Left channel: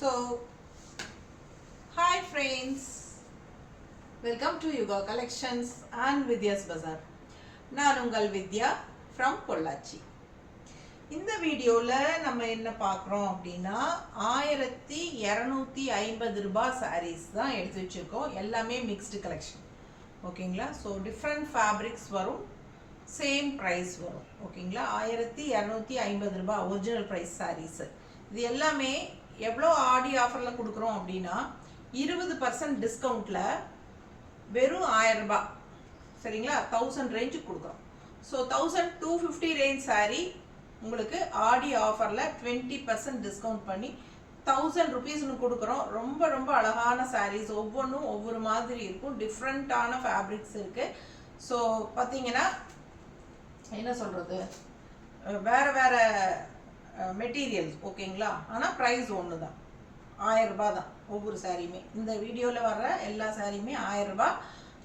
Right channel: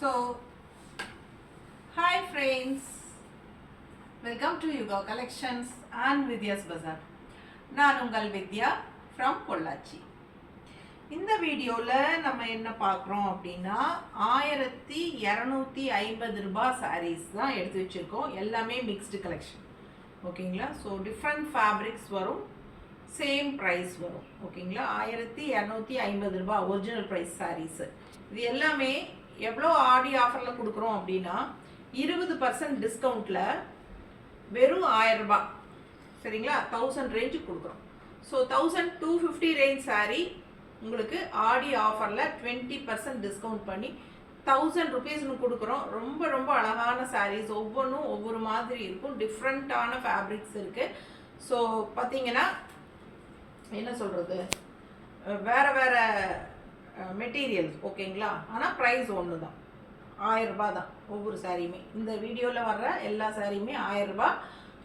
So, hi friends, welcome to Yuga Collections and Vidya's Bazaar. நான் உங்கள் வித்யா from Pollachi. இந்த வீடியோவில் நம்ம என்ன பார்க்குறோம் அப்படின்னா 1250 ரூபாய் sarees தான் எடுத்து வச்சுருக்கோம். எல்லாமே மிக்ஸ்டு கலெக்ஷன் ஓகேங்களா. ஸோ டிஃப்ரெண்ட் ஃபேப்ரிக்ஸ் வரும், சேம் ப்ரைஸ் வரும் ஓகேங்களா. 1250 ரூபாய் ஒரிஜினல் ப்ரைஸ் sarees. இது எல்லாமே எவ்வளோ ஆடி ஆஃபரில் கொடுக்குறோம் அப்படின்னா 20% டிஸ்கவுண்ட்டில் வெறும் 1000 ரூபாய் சரிங்களா, 1000 ரேஞ்சுக்கு கொடுக்குறோம். ஸோ 1250 ரேஞ்ச் சாரீ உங்களுக்கு ஆடி ஆஃபரில் 20% டிஸ்கவுண்ட் பண்ணி 1000 ருபீஸ்னு கொடுக்குறோம். ரொம்ப ரொம்ப அழகான சாரீஸ், ஒவ்வொன்றும் ஒவ்வொரு மாதிரி இருக்கும், டிஃப்ரெண்ட்டான ஃபேப்ரிக்ஸ் இருக்குது. ஸோ பார்த்தீங்கன்னா என்ன சொல்கிறது, வேறு வேறு மெட்டீரியல்ஸ் ஓகேங்களா. ஆனால் ப்ரைஸ் ஒன்று தான், 1000 ரூபாய் தான் ஒவ்வொரு சாரியுமே. இந்த வீடியோவில் வர்ற எல்லா சாரியுமே 1000 ரூபாய்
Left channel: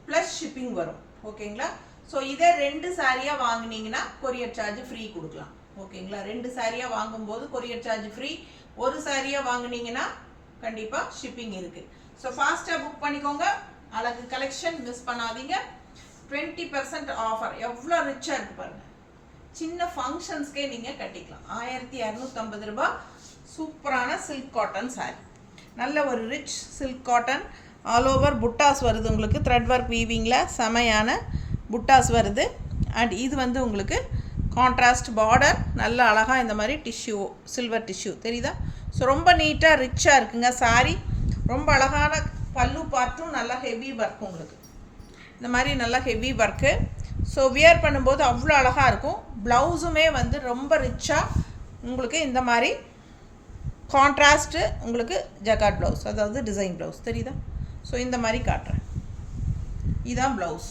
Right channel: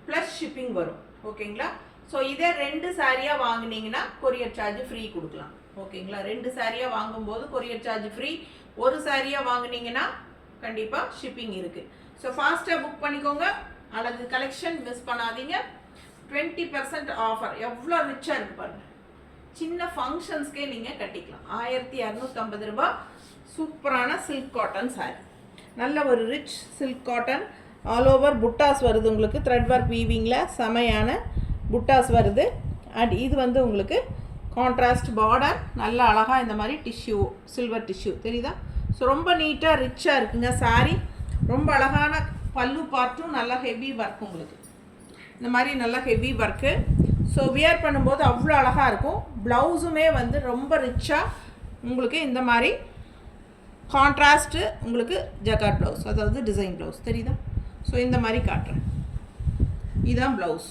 ப்ளஸ் ஷிப்பிங் வரும் ஓகேங்களா. ஸோ இதே 2 சாரியாக வாங்கினீங்கன்னா கொரியர் சார்ஜ் ஃப்ரீ கொடுக்கலாம் ஓகேங்களா. 2 சாரியாக வாங்கும்போது கொரியர் சார்ஜ் ஃப்ரீ, ஒரு சாரியாக வாங்கினீங்கன்னா கண்டிப்பாக ஷிப்பிங் இருக்குது. ஸோ ஃபாஸ்ட்டாக புக் பண்ணிக்கோங்க. அழகு கலெக்ஷன் மிஸ் பண்ணாதீங்க. 20% ஆஃபர், எவ்வளோ ரிச்சாக இருக்குது பாருங்கள். சின்ன ஃபங்க்ஷன்ஸ்க்கே நீங்கள் கட்டிக்கலாம். 1250 ரூபாய் சூப்பரான சில்க் காட்டன் சாரி, நல்ல ஒரு rich silk cotton. All over புட்டாஸ் வருது உங்களுக்கு, த்ரெட் ஒர்க் வீவிங்கில் செமையான புட்டாஸ் வருது. அண்ட் இது வந்து உங்களுக்கு கான்ட்ராஸ்ட் பார்டர், நல்ல அழகாக இந்த மாதிரி டிஷ்யூ, சில்வர் டிஷ்யூ தெரியுதா. ஸோ ரொம்ப நீட்டாக ரிச்சாக இருக்குங்க சாரி. ரொம்ப அழகான பல்லு பார்ட்டும் நல்லா ஹெவி ஒர்க், உங்களுக்கு இந்த மாதிரி நல்லா ஹெவி ஒர்க்கு. ஸோ வியர் பண்ணும்போது அவ்வளோ அழகாக இருக்கும். ப்ளவுஸுமே வந்து ரொம்ப ரிச்சாக உங்களுக்கு இந்த மாதிரி கான்ட்ராஸ்ட்டு உங்களுக்கு ஜக்கார்ட் ப்ளவுஸ், அதாவது டிசைன் ப்ளவுஸ் தெரியுதா. ஸோ இந்த மாதிரி காட்டுறேன், இதுதான் ப்ளவுஸ்.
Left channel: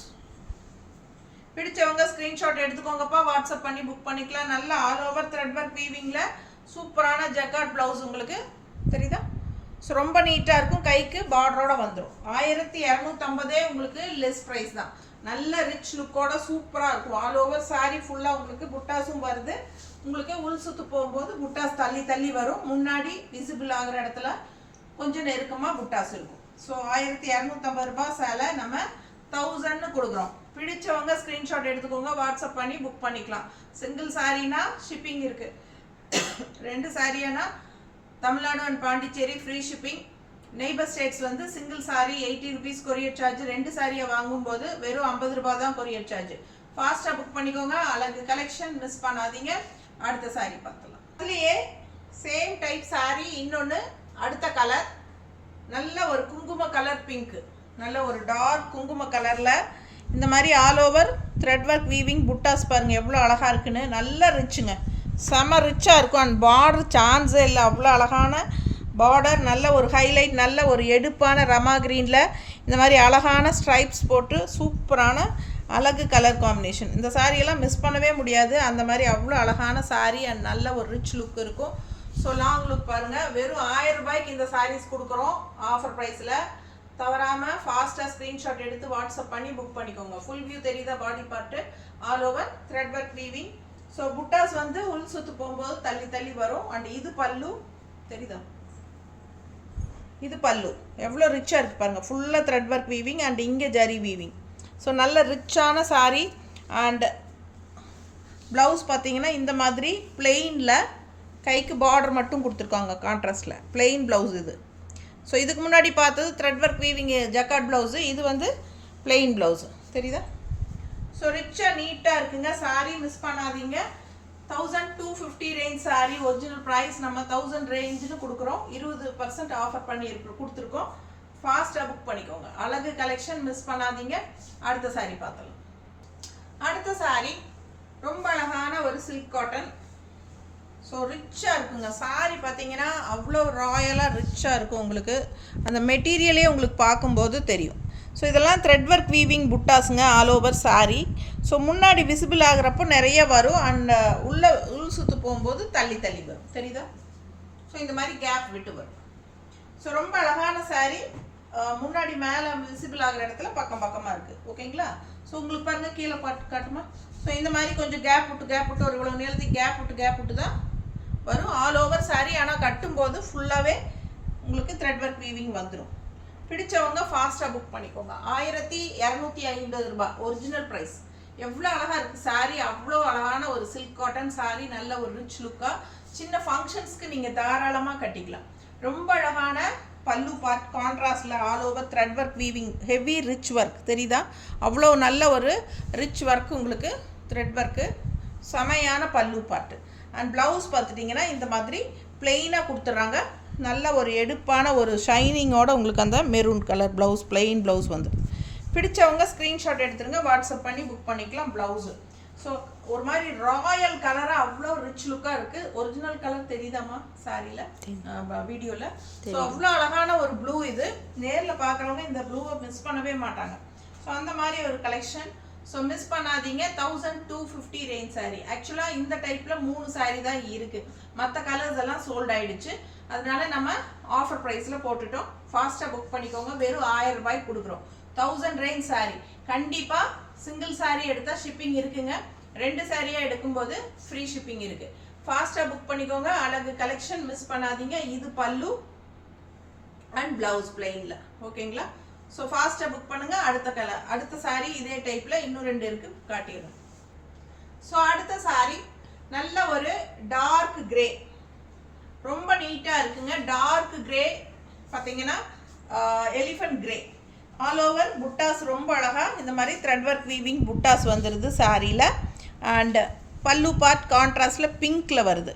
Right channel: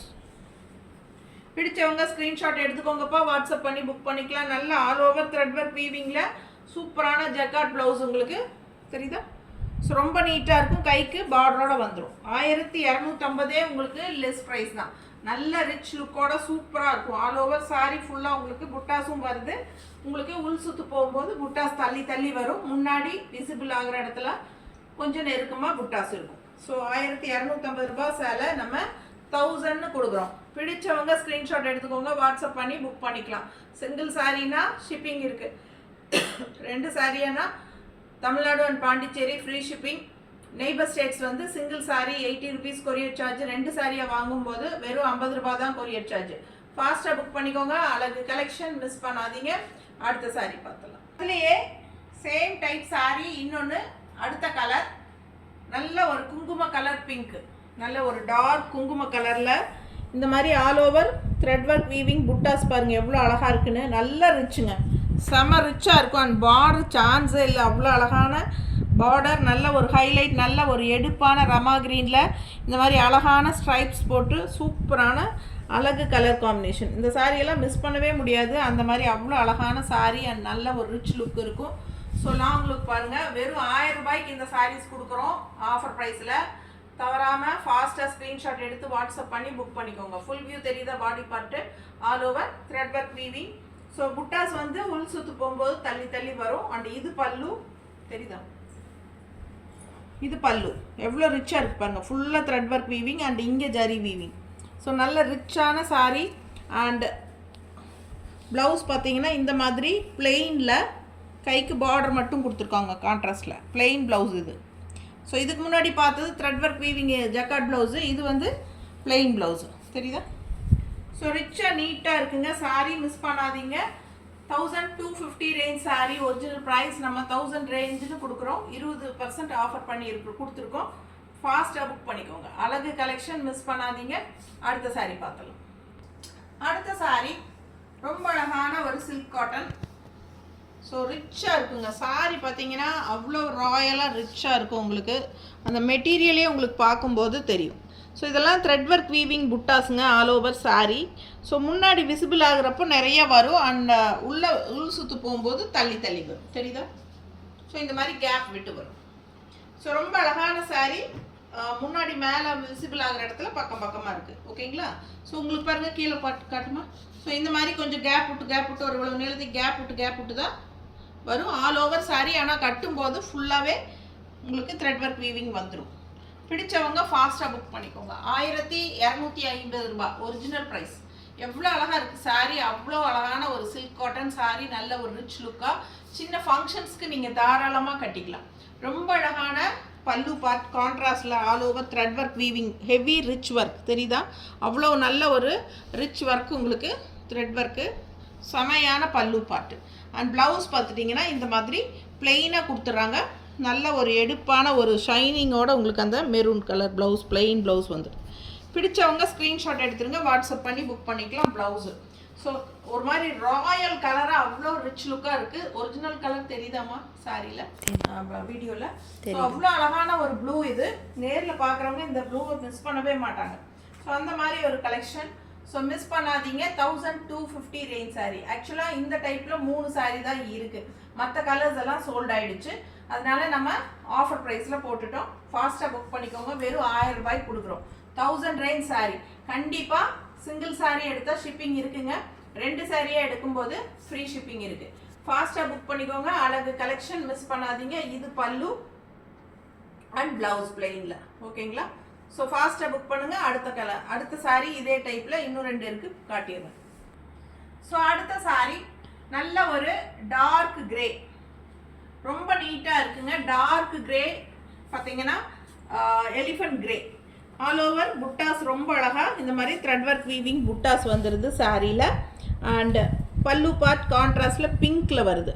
பிடிச்சவங்க ஸ்க்ரீன்ஷாட் எடுத்துக்கோங்கப்பா, வாட்ஸ்அப் பண்ணி புக் பண்ணிக்கலாம். நல்ல ஆல் ஓவர் த்ரெட் ஒர்க் வீவிங்கில் சூப்பரான ஜக்கார்ட் ப்ளவுஸ் உங்களுக்கு தெரியுதா. ஸோ ரொம்ப நீட்டாக இருக்கும், கைக்கு பார்டரோட வந்துடும். 1250 உங்களுக்கு லெஸ் ப்ரைஸ் தான். நல்ல ரிச் லுக்கோட சூப்பராக இருக்கும். ஆல் ஓவர் சாரி ஃபுல்லாக உங்களுக்கு புட்டாஸும் வருது. உங்களுக்கு உள் சுற்று போகும்போது புட்டாஸ் தள்ளி தள்ளி வரும், முன்னாடி விசிபிள் ஆகிற இடத்துல கொஞ்சம் நெருக்கமாக புட்டாஸ் இருக்கும். ஸோ 1250 ரூபாய் சேலை நம்ம 1000ன்னு கொடுக்குறோம். பிடிச்சவங்க ஸ்க்ரீன்ஷாட் எடுத்துக்கோங்க, வாட்ஸ்அப் பண்ணி புக் பண்ணிக்கலாம். சிங்கிள் சாரீனா ஷிப்பிங் இருக்குது, 2 சாரியானா Tamil Nadu and Pondicherry free shipping. Neighbour states வந்து single sari 80 rupees courier charge. 2 சாரியை வாங்கும்போது வெறும் 50 ரூபாய் தான் கொரியர் சார்ஜ். ஃபாஸ்ட்டாக புக் பண்ணிக்கோங்க. அழகு கலெக்ஷன் மிஸ் பண்ணாதீங்க. அடுத்த சாரி பார்த்துலாம். இதுலேயே சேம் டைப் சாரி, இன்னொன்று அடுத்த கலர், நல்ல ஒரு குங்கும கலர் பிங்க், நல்ல ஒரு டார்க் குங்கும கலரில் இந்த மாதிரி all over thread work weaving புட்டாஸ் பாருங்கள் எவ்வளோ அழகாக இருக்குன்னு. நல்லா ரிச்சுங்க, செம ரிச்சாக இருக்கும். அண்ட் பார்டர் சான்ஸே இல்லை, அவ்வளோ அழகான பார்டர், நல்ல ஒரு ஹைலைட், நல்ல ஒரு எடுப்பான ரமா க்ரீனில் இந்த மாதிரி அழகான ஸ்ட்ரைப்ஸ் போட்டு சூப்பரான அழகு கலர் காம்பினேஷன். இந்த சாரியெல்லாம் மிஸ் பண்ணவே முடியாது, அந்த மாதிரி அவ்வளோ அழகான சாரீ அண்ட் நல்ல ஒரு ரிச் லுக் இருக்கும். ஸோ லாங் லுக் பாருங்கள். வெறும் 1000 ரூபாய்க்கு இந்த சாரீஸ் கொடுக்குறோம் ஆஃபர் ப்ரைஸில். தவறாமல் ஃபாஸ்ட்டாக ஸ்க்ரீன்ஷாட் எடுத்து வாட்ஸ்அப் பண்ணி புக் பண்ணிக்கோங்க. ஃபுல் வியூ தெரியுதா, body part all over thread work weaving. So புட்டாஸ் வந்து உள் சுற்று போகும்போது தள்ளி தள்ளி வரும். அண்ட் இது பல்லு தெரியுதா, இது பல்லு எவ்வளோ ரிச்சாக இருக்குது பாருங்கள். ஃபுல்லாக த்ரெட் ஒர்க் வீவிங் அண்ட் இங்கே ஜரி வீவிங். ஸோ நல்ல ரிச்சான சாரீ. அண்ட் ப்ளவுஸ் பார்த்தீங்கன்னா இந்த மாதிரி பிளெயினில் கைக்கு பார்டர் மட்டும் கொடுத்துருக்காங்க, கான்ட்ராஸ்டில் பிளெயின் ப்ளவுஸ் இது. ஸோ இதுக்கு முன்னாடி பார்த்தது thread work weaving jacquard blouse, இது வந்து பிளெயின் ப்ளவுஸு தெரியுதா. ஸோ ரிச்சாக நீட்டாக இருக்குங்க சாரீ, மிஸ் பண்ணாதீங்க. 1250 ரேஞ்ச் சாரீ, ஒரிஜினல் ப்ரைஸ் நம்ம 1000 ரேஞ்சுன்னு கொடுக்குறோம். 20% ஆஃபர் பண்ணி கொடுத்துருக்கோம். ஃபாஸ்ட்டாக புக் பண்ணிக்கோங்க. அழகு கலெக்ஷன் மிஸ் பண்ணாதீங்க. அடுத்த சாரீ பார்த்தலாம். அடுத்த சாரீ ரொம்ப அழகான ஒரு சில்க் காட்டன். ஸோ ரிச்சாக இருக்குங்க சாரீ, பார்த்தீங்கன்னா அவ்வளோ ராயலாக ரிச்சாக இருக்கும். உங்களுக்கு அந்த மெட்டீரியலே உங்களுக்கு பார்க்கும்போது தெரியும். ஸோ இதெல்லாம் த்ரெட் ஒர்க் வீவிங் புட்டாஸுங்க, ஆல் ஓவர் சாரீ. ஸோ முன்னாடி விசிபிள் ஆகிறப்போ நிறைய வரும், அண்ட் உள் சுற்று போகும்போது தள்ளி தள்ளி வரும் தெரியுதா. ஸோ இந்த மாதிரி கேப் விட்டு வரும். ஸோ ரொம்ப அழகான சாரீ. முன்னாடி மேலே விசிபிள் ஆகிற இடத்துல பக்கம் பக்கமாக இருக்குது ஓகேங்களா. ஸோ உங்களுக்கு பாருங்கள், கீழே காட்டுமா. ஸோ இந்த மாதிரி கொஞ்சம் கேப் விட்டு ஒரு இவ்வளோ நீளத்துக்கு கேப் விட்டு தான் வரும் ஆல் ஓவர் சாரீ. ஆனால் கட்டும்போது ஃபுல்லாகவே உங்களுக்கு த்ரெட் ஒர்க் வீவிங் வந்துடும். பிடிச்சவங்க ஃபாஸ்ட்டாக புக் பண்ணிக்கோங்க. 1250 ரூபாய் ஒரிஜினல் ப்ரைஸ். எவ்வளோ அழகாக இருக்குது சாரீ, அவ்வளோ அழகான ஒரு சில்க் காட்டன் சாரீ, நல்ல ஒரு ரிச் லுக்காக சின்ன ஃபங்க்ஷன்ஸ்க்கு நீங்கள் தாராளமாக கட்டிக்கலாம். ரொம்ப அழகான பல்லு பார்ட் கான்ட்ராஸ்டில் all over thread work weaving, heavy rich work தெரியுதா? அவ்வளோ நல்ல ஒரு ரிச் ஒர்க் உங்களுக்கு த்ரெட் ஒர்க்கு, செமையான பல்லு பார்ட்டு. அண்ட் ப்ளவுஸ் பார்த்துட்டிங்கன்னா இந்த மாதிரி பிளெயினாக கொடுத்துட்றாங்க. நல்ல ஒரு எடுப்பான ஒரு ஷைனிங்கோட உங்களுக்கு அந்த maroon colour blouse, plain blouse வந்துடும். பிடிச்சவங்க ஸ்க்ரீன்ஷாட் எடுத்துருங்க, வாட்ஸ்அப் பண்ணி புக் பண்ணிக்கலாம் ப்ளவுஸு. ஸோ ஒரு மாதிரி ராயல் கலராக அவ்வளோ ரிச் லுக்காக இருக்குது. ஒரிஜினல் கலர் தெரியுதாம்மா சாரியில், வீடியோவில்? ஸோ அவ்வளோ அழகான ஒரு ப்ளூ. இது நேரில் பார்க்குறவங்க இந்த ப்ளூவை மிஸ் பண்ணவே மாட்டாங்க. ஸோ அந்த மாதிரி ஒரு கலெக்ஷன். ஸோ மிஸ் பண்ணாதீங்க. 1250 ரேஞ்ச் சாரீ. ஆக்சுவலாக இந்த டைப்பில் 3 சாரீ தான் இருக்குது, மற்ற கலர்ஸ் எல்லாம் சோல்ட் ஆகிடுச்சு. அதனால நம்ம ஆஃபர் ப்ரைஸில் போட்டுட்டோம். ஃபாஸ்ட்டாக புக் பண்ணிக்கோங்க. வெறும் 1000 ரூபாய்க்கு கொடுக்குறோம். 1000 ரேஞ்ச் சாரீ. கண்டிப்பாக சிங்கிள் சாரீ எடுத்தால் ஷிப்பிங் இருக்குங்க. 2 சாரியாக எடுக்கும்போது ஃப்ரீ ஷிப்பிங் இருக்குது. ஃபாஸ்ட்டாக புக் பண்ணிக்கோங்க. அழகு கலெக்ஷன் மிஸ் பண்ணாதீங்க. இது பல்லு அண்ட் ப்ளவுஸ் பிளெயினில். ஓகேங்களா? ஸோ ஃபாஸ்ட்டாக புக் பண்ணுங்கள். அடுத்த கலர், அடுத்த சாரீ இதே டைப்பில் இன்னும் 2 இருக்குது, காட்டிடுவேன். ஸோ அடுத்த சாரீ நல்ல ஒரு டார்க் கிரே, ரொம்ப நீட்டாக இருக்குங்க. டார்க் கிரே பார்த்தீங்கன்னா எலிஃபண்ட் கிரே, ஆல் ஓவர் புட்டாஸ் ரொம்ப அழகாக இந்த மாதிரி த்ரெட் ஒர்க் வீவிங் புட்டாஸ் வந்துடுது சாரியில். அண்ட் பல்லு பார்ட் கான்ட்ராஸ்டில் பிங்க்கில் வருது.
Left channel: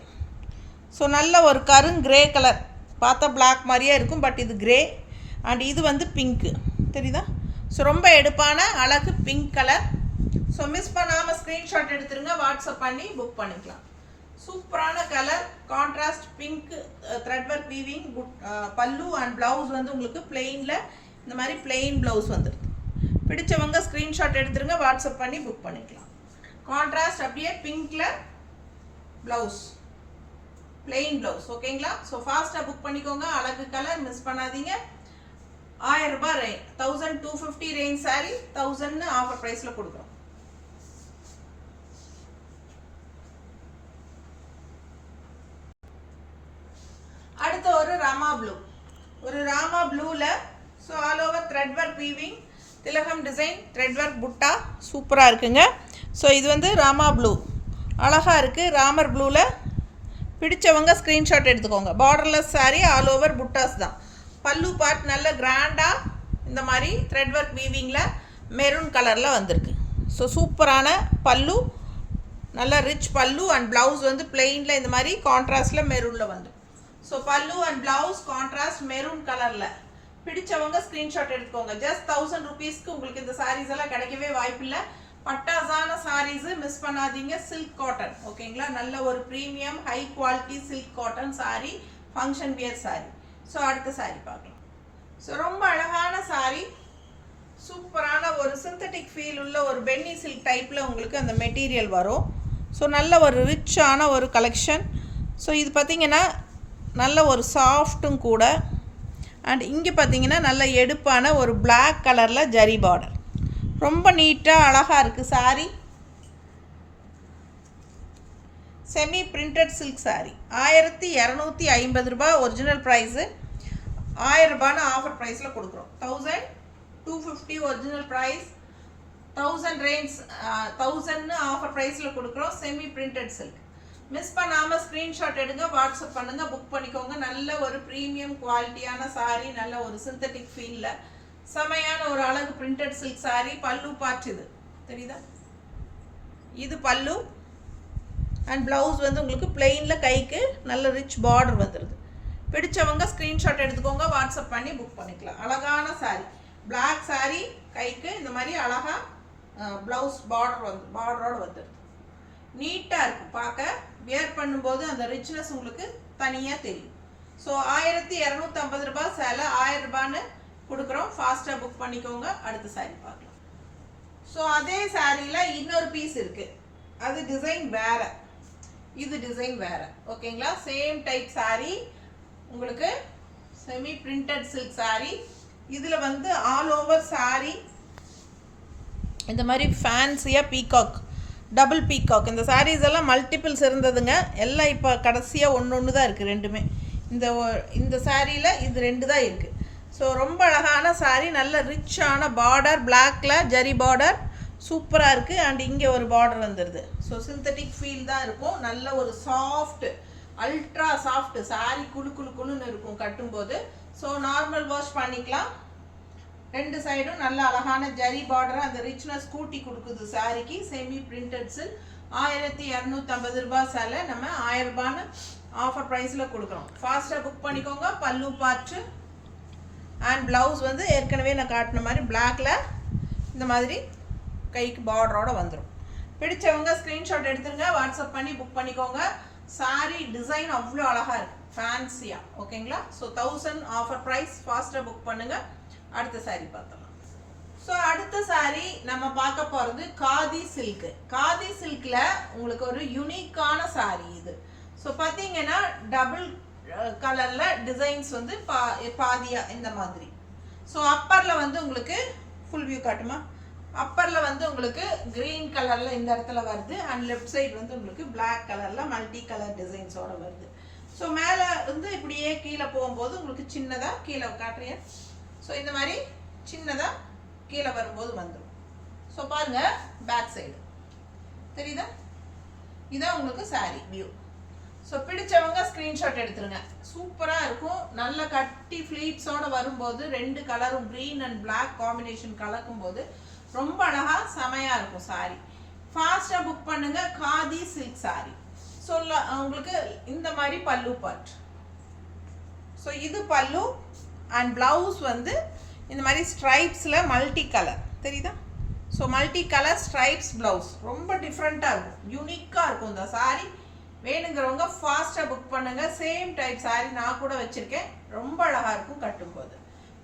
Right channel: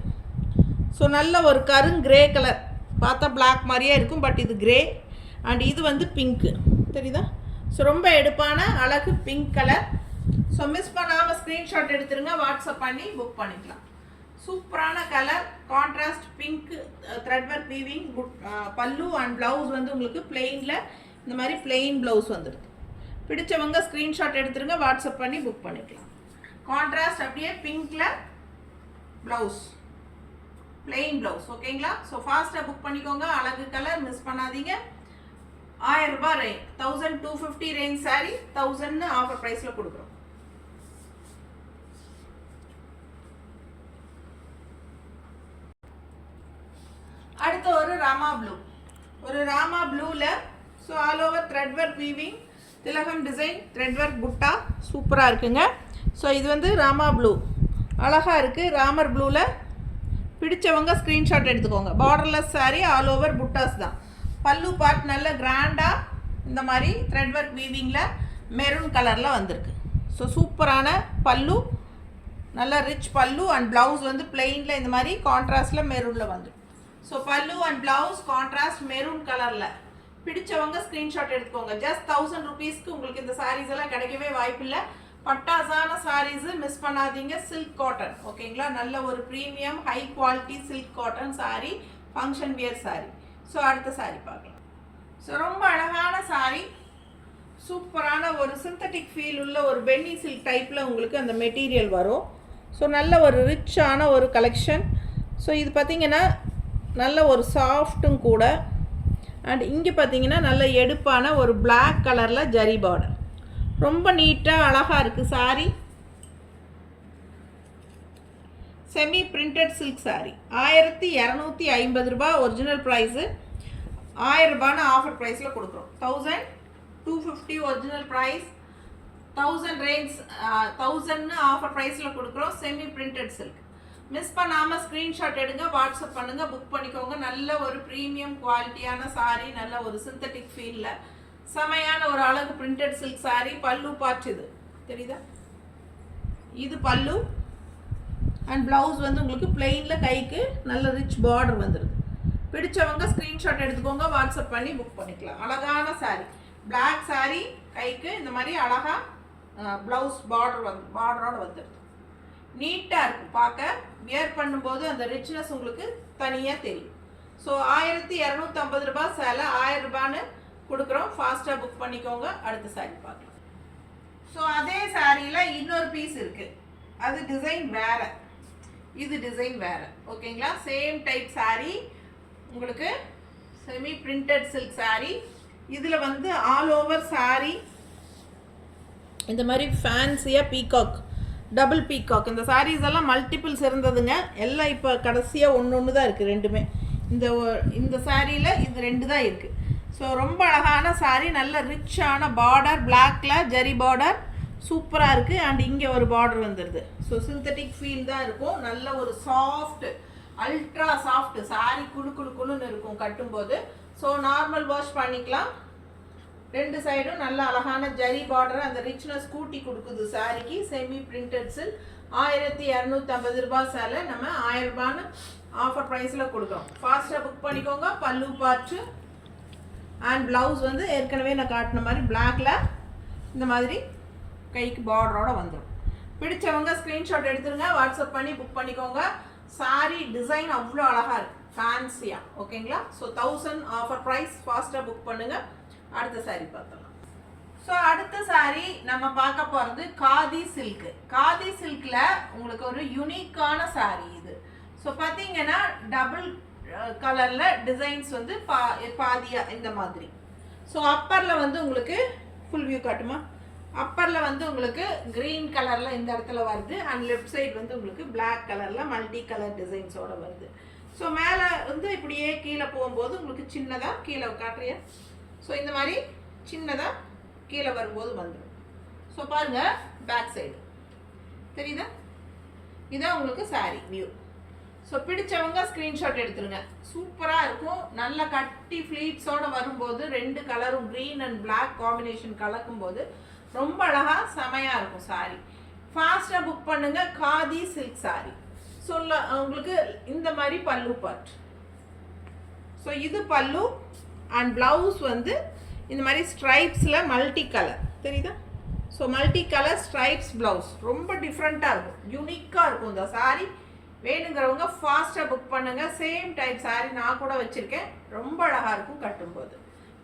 ஸோ நல்ல ஒரு கிரே கலர், பார்த்தா பிளாக் மாதிரியே இருக்கும், பட் இது கிரே. அண்ட் இது வந்து பிங்க்கு தெரியுதா? ஸோ ரொம்ப எடுப்பான அழகு பிங்க் கலர். ஸோ மிஸ் பண்ணாமல் ஸ்க்ரீன்ஷாட் எடுத்துருங்க, வாட்ஸ்அப் பண்ணி புக் பண்ணிக்கலாம். சூப்பரான colour, contrast pink thread work weaving பல்லு அண்ட் ப்ளவுஸ் வந்து உங்களுக்கு பிளெயினில் இந்த மாதிரி பிளெயின் ப்ளவுஸ் வந்துடுது. பிடிச்சவங்க ஸ்க்ரீன்ஷாட் எடுத்துருங்க, வாட்ஸ்அப் பண்ணி புக் பண்ணிக்கலாம். கான்ட்ராஸ்ட் அப்படியே பிங்க்கில் ப்ளவுஸ், பிளெயின் ப்ளவுஸ். ஓகேங்களா? ஸோ ஃபாஸ்ட்டாக புக் பண்ணிக்கோங்க. அழகு கலர், மிஸ் பண்ணாதீங்க. 1000 ரூபாய் ரேஞ்ச், 1250 ரேஞ்ச் சாரி 1000 ஆஃபர் ப்ரைஸில் கொடுக்குறோம். அடுத்த ஒரு ராமா ப்ளூ, ஒரு ராமா ப்ளூவில் so all over thread work weaving, திலகம் டிசைன் த்ரெட் ஒர்க் புட்டா சூப்பராக இருக்குங்க. ஸோ இது வந்து ராமா ப்ளூ, அழகாக இருக்குது. ராமர் ப்ளூவில் பிடிச்சவங்க ஸ்க்ரீன்ஷாட் எடுத்துக்கோங்க. பார்டர்லெஸ் சாரீ, ஆல் ஓவர் புட்டாஸ் தான். பல்லு பார்ட் நல்ல கிராண்டாக இந்த மாதிரி த்ரெட் ஒர்க் வீவிங்கில் மெரூன் கலரில் வந்திருக்கு. ஸோ சூப்பரான பல்லு, நல்ல ரிச் பல்லு. அண்ட் ப்ளவுஸ் வந்து பிளெயினில் இந்த மாதிரி கான்ட்ராஸ்டில் மெரூனில் வந்துடும். ஸோ பல்லு அண்ட் ப்ளவுஸ் கான்ட்ராஸ்ட் மெரூன் கலரில். பிடிச்சவங்க ஸ்க்ரீன்ஷாட் எடுத்துக்கோங்க. ஜஸ்ட் 1000 ருபீஸ்க்கு உங்களுக்கு இந்த சாரீஸ் எல்லாம் கிடைக்கவே வாய்ப்பில்லை. பட்டாசான சாரீஸு மிஸ் பண்ணாதீங்க. Silk cotton. ஓகேங்களா? நல்ல ஒரு premium high quality silk cotton sari, function wear sari. So அடுத்த சாரீ பார்க்கலாம். ஸோ ரொம்ப அழகான சாரீ, சூப்பரான ஒரு சிந்தட்டிக் ஃபீல் உள்ள ஒரு பென்னி சில்க் டைப்பில் உங்களுக்கு அந்த மெட்டீரியல் வரும். ஸோ நல்ல ஒரு ரிச்சான ஒரு கலெக்ஷன். ஸோ இது பார்த்திங்கன்னா நல்ல ஒரு சாஃப்ட்டும் கூட. அண்ட் இங்கே பார்த்தீங்கன்னா நல்ல எடுப்பான ஒரு பிளாக் கலரில் ஜரி பார்டர், ரொம்ப நீட்டாக அழகாக இருக்குது sari. Semi printed silk sari. 1250 ரூபாய் ஒரிஜினல் ப்ரைஸு. 1000 ரூபான்னு ஆஃபர் ப்ரைஸில் கொடுக்குறோம். 1250 ஒரிஜினல் ப்ரைஸ், 1000 ரேஞ்ச், 1000 ஆஃபர் ப்ரைஸில் கொடுக்குறோம். Semi printed silk. மிஸ் பண்ணாமல் ஸ்க்ரீன்ஷாட் எடுங்க, வாட்ஸ்அப் பண்ணுங்கள், புக் பண்ணிக்கோங்க. நல்ல ஒரு ப்ரீமியம் குவாலிட்டியான சாரீ, நல்ல ஒரு சிந்தட்டிக் ஃபீலில் செமையான ஒரு அழகு பிரிண்டட் சில்க் சாரீ. பல்லு பார்ட் இது தெரியுதா? இது பல்லு. அண்ட் ப்ளவுஸ் வந்து உங்களுக்கு பிளெயினில் கைக்கு நல்ல ரிச் பார்டர் வந்துடுது. பிடிச்சவங்க ஸ்க்ரீன்ஷாட் எடுத்துக்கோங்க, வாட்ஸ்அப் பண்ணி புக் பண்ணிக்கலாம். அழகான சாரீ, பிளாக் சாரீ, கைக்கு இந்த மாதிரி அழகாக ப்ளவுஸ் பார்டரோடு வந்துடுது. நீட்டாக இருக்கும் பார்க்க. வியர் பண்ணும்போது அந்த ரிச்னஸ் உங்களுக்கு தனியாக தெரியும். ஸோ 1250 ரூபாய் சேலை, 1000 ரூபான்னு கொடுக்குறோம். ஃபாஸ்ட்டாக புக் பண்ணிக்கோங்க. அடுத்த சாரீ பார்க்கலாம். ஸோ அதே சாரியில் இன்னொரு பீஸ் இருக்குது, அது டிசைன் வேறு, இது டிசைன் வேறு. ஓகேங்களா? சேம் டைப் சாரீ உங்களுக்கு, செமி பிரிண்டட் சில்க் சாரீ. இதில் வந்து ஆல் ஓவர் சாரீ இந்த மாதிரி ஃபேன்சியாக பீகாக், டபுள் பீகாக். இந்த சாரீஸ் எல்லாம் மல்டிபிள்ஸ் இருந்ததுங்க, எல்லாம் இப்போ கடைசியாக ஒன்று தான் இருக்குது ரெண்டுமே. இந்த சாரியில் இது 2 தான் இருக்குது. ஸோ ரொம்ப அழகான சாரி, நல்ல ரிச்சான பார்டர், பிளாக்ல ஜரி பார்டர் சூப்பராக இருக்குது. அண்ட் இங்கே ஒரு பார்டர் வந்துடுது. ஸோ சிந்தட்டிக் ஃபீல் தான் இருக்கும். நல்ல ஒரு சாஃப்ட், அல்ட்ரா சாஃப்ட் சாரி, குழுன்னு இருக்கும் கட்டும்போது. ஸோ நார்மல் வாஷ் பண்ணிக்கலாம். 2 சைடும் நல்ல அழகான ஜரி பார்டர், அந்த ரிச்னஸ் கூட்டி கொடுக்குது சாரிக்கு. செமி பிரிண்டட்ஸு 1250 ரூபாய் சேலை நம்ம 1000 ரூபான்னு ஆஃபர் ப்ரைஸில் கொடுக்குறோம். ஃபாஸ்ட்டாக புக் பண்ணிக்கோங்க. பல்லு பார்ட்டு அண்ட் ப்ளவுஸ் வந்து ஏற்கனவே நான் காட்டின மாதிரி பிளாக்ல இந்த மாதிரி கைக்கு பார்டரோட வந்துடும். பிடிச்சவங்க ஸ்க்ரீன்ஷாட் எடுத்துருங்க, வாட்ஸ்அப் பண்ணி புக் பண்ணிக்கோங்க. சாரி டிசைன் அவ்வளோ அழகாக இருக்குது, ஃபேன்சியாக. ஓகேங்களா? So 1000 offer price. ஃபாஸ்ட்டாக புக் பண்ணுங்கள். அடுத்த சாரி பார்க்கலாம். ஸோ அடுத்த சாரி நம்ம பார்க்க போகிறது காதி சில்க்கு. காதி சில்கில் உங்களுக்கு ஒரு யூனிக்கான சாரி இது. ஸோ பார்த்தீங்கன்னா டபுள் கலரில் டிசைன்ஸ் வந்து பாதியாக இந்த மாதிரி. ஸோ அப்பரில் வந்து உங்களுக்கு ஃபுல் வியூ காட்டுமா? அப்பரில் வந்து உங்களுக்கு க்ரீன் கலரில் இந்த இடத்துல வருது. அண்ட் லெஃப்ட் சைடு வந்து உங்களுக்கு பிளாக் கலரில் மல்டி கலர் டிசைன்ஸோடு வருது. ஸோ மேலே வந்து இப்படியே கீழே போகும்போது உங்களுக்கு சின்னதாக கீழே காட்டுறேன். ஸோ இந்த மாதிரி சின்னதாக கீழே வரும்போது வந்துடும். ஸோ பாருங்கள், பேக் சைடு தெரியுதா? இதான் உங்களுக்கு சாரி வியூ. ஸோ பிடிச்சவங்க ஸ்க்ரீன்ஷாட் எடுத்துருங்க. சூப்பராக இருக்கும். நல்ல கட்டி ஃப்ளீட்ஸோடு வரும்போது 2 கலரும் க்ரீன் அண்ட் பிளாக் காம்பினேஷன் கலக்கும்போது ரொம்ப அழகாக செமையாக இருக்கும் சாரி. ஃபாஸ்ட்டாக புக் பண்ணுங்கள். Khadi silk sorry. ஸோ உங்களுக்கு இந்த மாதிரி பல்லு பார்ட். ஸோ இது பல்லு அண்ட் ப்ளவுஸ் வந்து இந்த மாதிரி ஸ்ட்ரைப்ஸில் மல்டி கலர் தெரியுதா? So multi colour stripes blouse ரொம்ப டிஃப்ரெண்ட்டாக இருக்கும், யூனிக்காக இருக்கும் இந்த சாரி. வேணுங்கிறவங்க ஃபாஸ்ட்டாக புக் பண்ணுங்கள். சேம் டைப் சாரி நான் கூட வச்சுருக்கேன், ரொம்ப அழகாக இருக்கும் கட்டும்போது.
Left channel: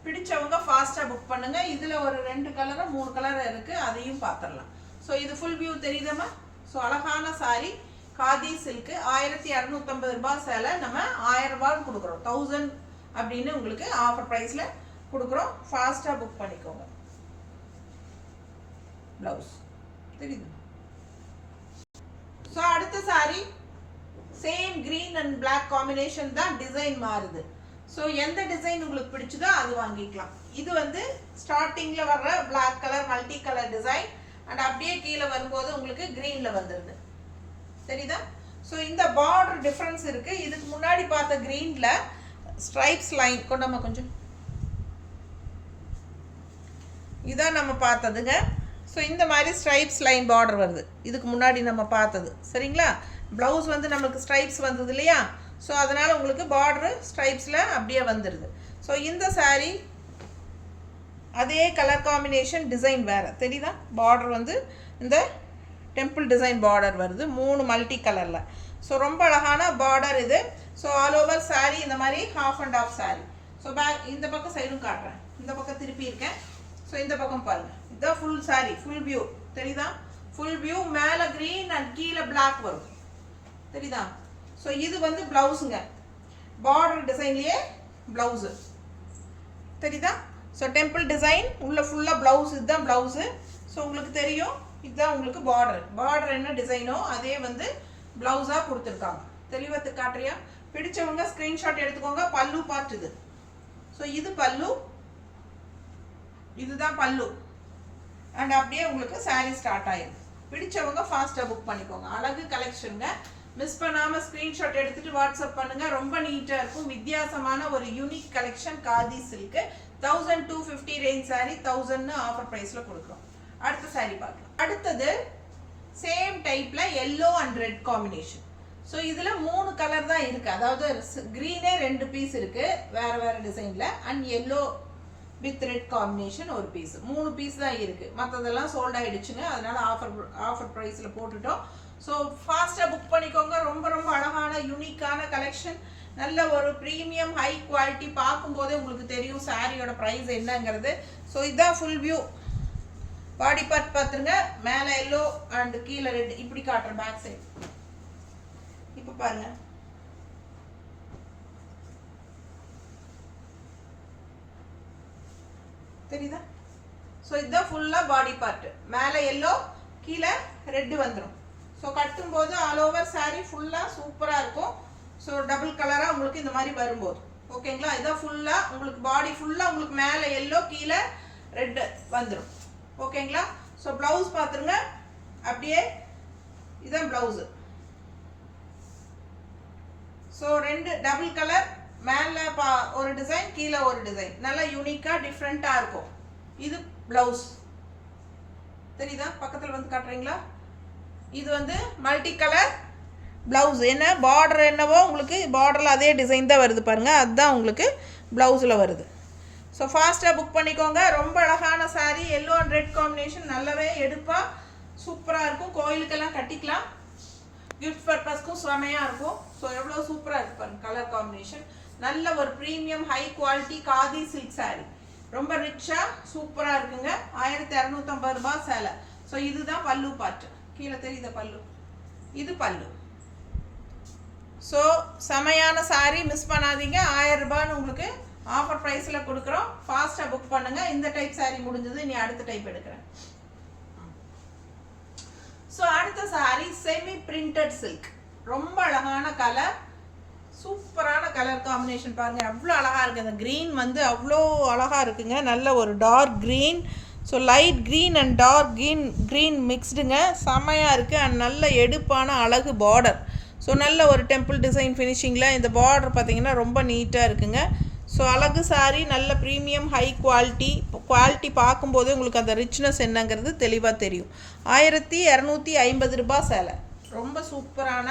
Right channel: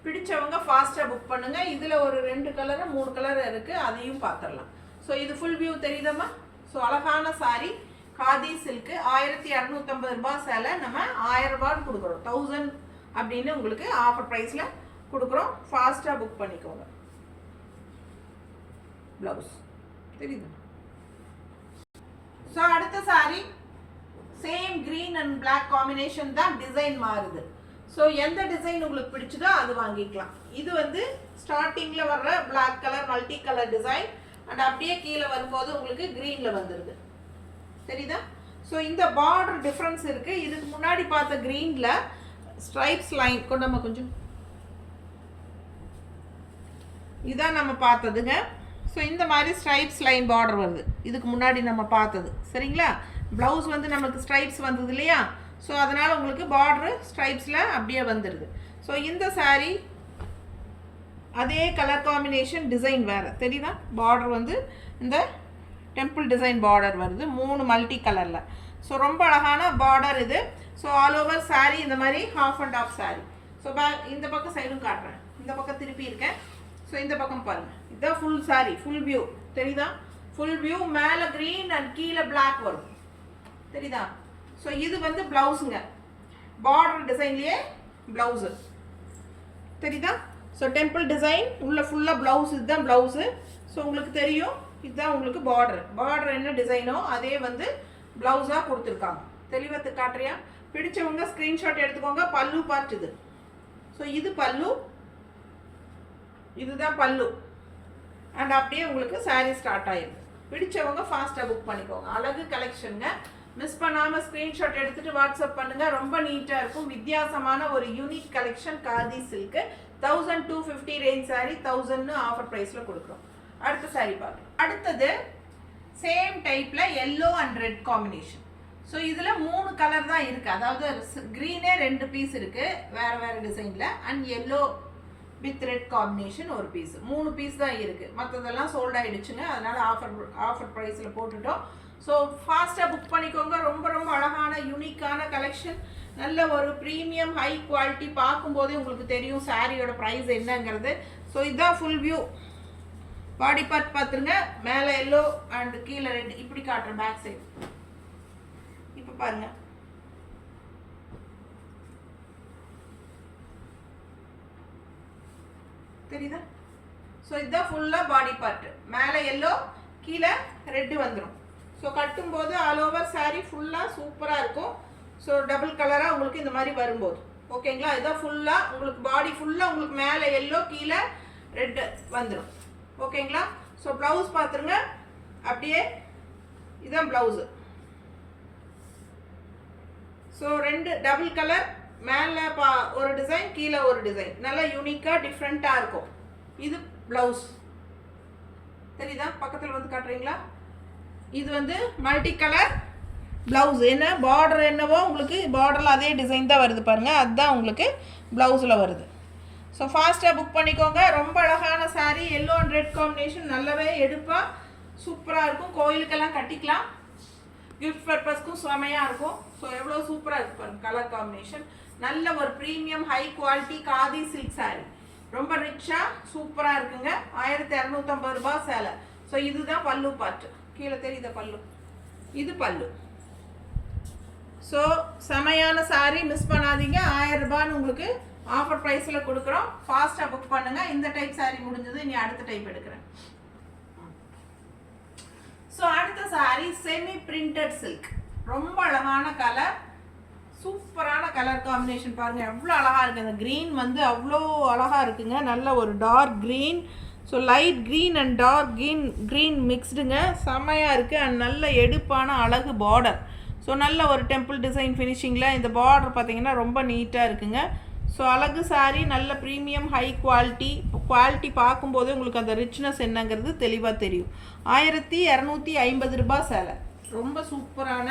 பிடிச்சவங்க ஃபாஸ்ட்டாக புக் பண்ணுங்கள். இதில் ஒரு 2 கலரும் 3 கலர் இருக்குது, அதையும் பார்த்துடலாம். ஸோ இது ஃபுல் வியூ தெரியுதம்மா? ஸோ அழகான சாரி காதி சில்க்கு 1250 ரூபாய் சேலை நம்ம 1000 ரூபான்னு கொடுக்குறோம். 1000 அப்படின்னு உங்களுக்கு ஆஃபர் ப்ரைஸில் கொடுக்குறோம். ஃபாஸ்ட்டாக புக் பண்ணிக்கோங்க. ப்ளவுஸ் தெரியுது? ஸோ அடுத்த sari same green and black combination தான், டிசைன் மாறுது. ஸோ எந்த டிசைன் உங்களுக்கு பிடிச்சதோ அது வாங்கிக்கலாம். இது வந்து ஸ்டார்டிங்கில் வர்ற black colour multi colour design and அப்படியே கீழே வரும்போது உங்களுக்கு க்ரீனில் வந்துடுது. தெரியுதா? ஸோ இந்த பார்டர் டிஃப்ரென்ஸ் இருக்குது. இதுக்கு முன்னாடி பார்த்த க்ரீனில் ஸ்ட்ரைப்ஸ் லைன் கொண்டாம கொஞ்சம் இதான் நம்ம பார்த்ததுங்க. ஸோ இந்த மாதிரி ஸ்ட்ரைப்ஸ் லைன் பார்டர் வருது, இதுக்கு முன்னாடி நம்ம பார்த்தது. சரிங்களா? ப்ளவுஸ் வந்து நமக்கு ஸ்ட்ரைப்ஸ் வந்தது இல்லையா? ஸோ அதனால் உங்களுக்கு பார்டரு ஸ்ட்ரைப்ஸில் அப்படியே வந்துடுது. ஸோ இந்த சாரீ அதே கலர் காம்பினேஷன், டிசைன் வேறு தெரியுதா? பார்டர் வந்து இந்த டெம்பிள் டிசைன் பார்டர் வருது 3 மல்டி கலரில். ஸோ ரொம்ப அழகான பார்டர் இது. ஸோ ஆல் ஓவர் சாரீ இந்த மாதிரி half and half sari. So இந்த பக்கம் சைடும் காட்டுறேன், இந்த பக்கம் திருப்பி இருக்கேன். ஸோ இந்த பக்கம் பாருங்கள், இதுதான் ஃபுல் சாரீ, ஃபுல் வியூ தெரியுதா? Full view. மேலே க்ரீன் அண்ட் கீழே பிளாக் வரும் தெரியுதா? ஸோ இது வந்து ப்ளவுஸுங்க, பார்டர் டிசைன்லேயே ப்ளவுஸு தெரியுதா? ஸோ டெம்பிள் டிசைன் உள்ள ஃபுல்லாக ப்ளவுஸ், இதுதான் ப்ளவுஸு. ஸோ உங்களுக்கு தெரியும், இதுதான் உங்களுக்கு பார்டர். பார்டர் என்ன டிசைனோ அதே வந்து ப்ளவுஸாக கொடுத்துருக்காங்க. தெளிவத்துக்கு காட்டுறியா? பிடிச்சவங்க ஸ்க்ரீன்ஷாட் எடுத்துக்கோங்க. பல்லு பார்ட் இது. ஸோ இது பல்லு, இதுதான் பல்லு. அண்ட் அப்படியே உங்களுக்கு சாரீ ஸ்டார்ட் ஆகிடும். பிடிச்சவங்க ஃபாஸ்ட்டாக புக் பண்ணிக்கோங்க. அழகு கலெக்ஷனுங்க. மிஸ் பண்ணாமல் ஸ்க்ரீன்ஷாட் எடுத்துகிட்டு வாட்ஸ்அப் பண்ணுங்கள். ரொம்ப நீட்டாக இருக்கும். வித்தியாசமான ஒரு unique collection khadi silk. 1250 range sari 1000 offer ப்ரைஸில் கொடுக்குறோம். அடுத்த சாரீ பார்க்கலாம். அடுத்தது சேம் டைப்பில் yellow and red combination. So இதில் 3 கலர் தான் இருக்குது. அதாவது க்ரீனே 2 பீஸ் இருக்குது வேறு வேறு டிசைனில். And yellow with red combination ஒரு பீஸ். 3 பீஸ் தான் இருக்குது. மற்றதெல்லாம் சோல்ட் ஆகிடுச்சுங்க. அதனால் ஆஃபர் ப்ரைஸில் போட்டுட்டோம். ஸோ ஃபாஸ்ட்டாக புக் பண்ணிக்கோங்க. ரொம்ப ரொம்ப அழகான யூனிக்கான கலெக்ஷன். நல்ல ஒரு ப்ரீமியம் ஹை குவாலிட்டி. பார்க்கும்போதே உங்களுக்கு தெரியும் சாரியோட ப்ரைஸ் என்னங்கிறது. ஸோ இதுதான் ஃபுல் வியூ. பாடி பார்ட் பார்த்துருங்க. மேலே எல்லோ அண்ட் கீழே ரெட். இப்படி காட்டுறேன் பேக் சைடு. இப்போ பாருங்க, தெரியுதா? ஸோ இதுதான் ஃபுல்லாக பாடி பார்ட். மேலே எல்லோ கீழே ரெட்டு வந்துடும். ஸோ கட்டும்போது ஆல் ஓவர் சாரீ ஃபுல்லாக சூப்பராக இருக்கும். ஸோ டபுள் கலராக உங்களுக்கு இந்த மாதிரி வரும்போது ஓகேங்களா. இதான் ஃபுல்லாக உங்களுக்கு பாடி ஃபுல்லாக உங்களுக்கு மேலே எல்லோ கீழே ரெட்டு வந்துடும் ஓகேங்களா. ஸோ ப்ளவுஸ் பார்த்துருங்க. அப்படியே இதுதான் ப்ளவுஸு. ஸோ 2 டபுள் கலர், மேலே ஒரு டிசைன் கீழே ஒரு டிசைன், நல்லா யூனிக்காக டிஃப்ரெண்ட்டாக இருக்கும். இது ப்ளவுஸ் தெரியுதா, பக்கத்தில் வந்து காட்டுறீங்களா. இது வந்து மல்டி கலர் ப்ளவுஸ். என்ன பார்டர் என்னவோ உங்களுக்கு பார்டரில் அதே டிசைன் தான் வருது பாருங்கள், அதுதான் உங்களுக்கு ப்ளவுஸில் வருது. ஸோ ஃபாஸ்ட்டாக புக் பண்ணிக்கோங்க. ரொம்ப அழகான sari, yellow and red combination, நல்லாவே எடுப்பாக சூப்பராக இருக்கும். கோயிலுக்கெல்லாம் கட்டிக்கலாம், கிஃப்ட் பர்பஸ்க்கும் செமையாக இருக்கும். ஸோ எவ்வளோ சூப்பராக இருக்கு பாருங்க கலர் காம்பினேஷன். நல்ல ஒரு premium high quality khadi silk sari, ரொம்ப ரிச்சாக சூப்பராக இருக்குங்க. 1250 ரூபாய் சேலை. ஸோ இதுதான் பல்லு பார்ட்டு, கீழே தெரியுத பல்லு, இது பல்லு. ஸோ செமையான சாரீ, மிஸ் பண்ணாதீங்க. 1000 ரூபான்னு உங்களுக்கு ஆஃபர் ப்ரைஸில் கொடுக்குறோம். ஃபாஸ்ட்டாக புக் பண்ணுங்கள். இந்த டைப் சாரீ முடிஞ்சது, இனி அடுத்த டைப் எடுக்கிறேன். ஸோ அடுத்த சாரீ செமி பிரிண்டட் சில்க், ரொம்ப அழகான கலர், சூப்பரான கலர் காம்பினேஷன் பாருங்கள், எவ்வளோ அழகாக இருக்குது. அந்த க்ரீன் வந்து அவ்வளோ அழகாக இருக்குங்க, நல்ல ஒரு dark green. So light green and dark green மிக்ஸ்டுங்க, செம்மையாக இருக்குது. அண்ட் நல்ல எடுப்பான அழகு பார்டர். ஸோ நல்ல ஒரு டெம்பிள் டிசைன் ஃபினிஷிங்கில் இந்த பார்டர் பார்த்திங்கன்னா ரொம்ப நீட்டாக இருக்குங்க. ஸோ அழகு சாரீ, நல்ல ப்ரீமியம் ஹை குவாலிட்டி பார்க்கும்போதே உங்களுக்கு அந்த ரிச்னஸ் என்னங்கிறது தெளிவாக தெரியும். 1250 ரூபாய் சேலை, ரொம்ப சூப்பரான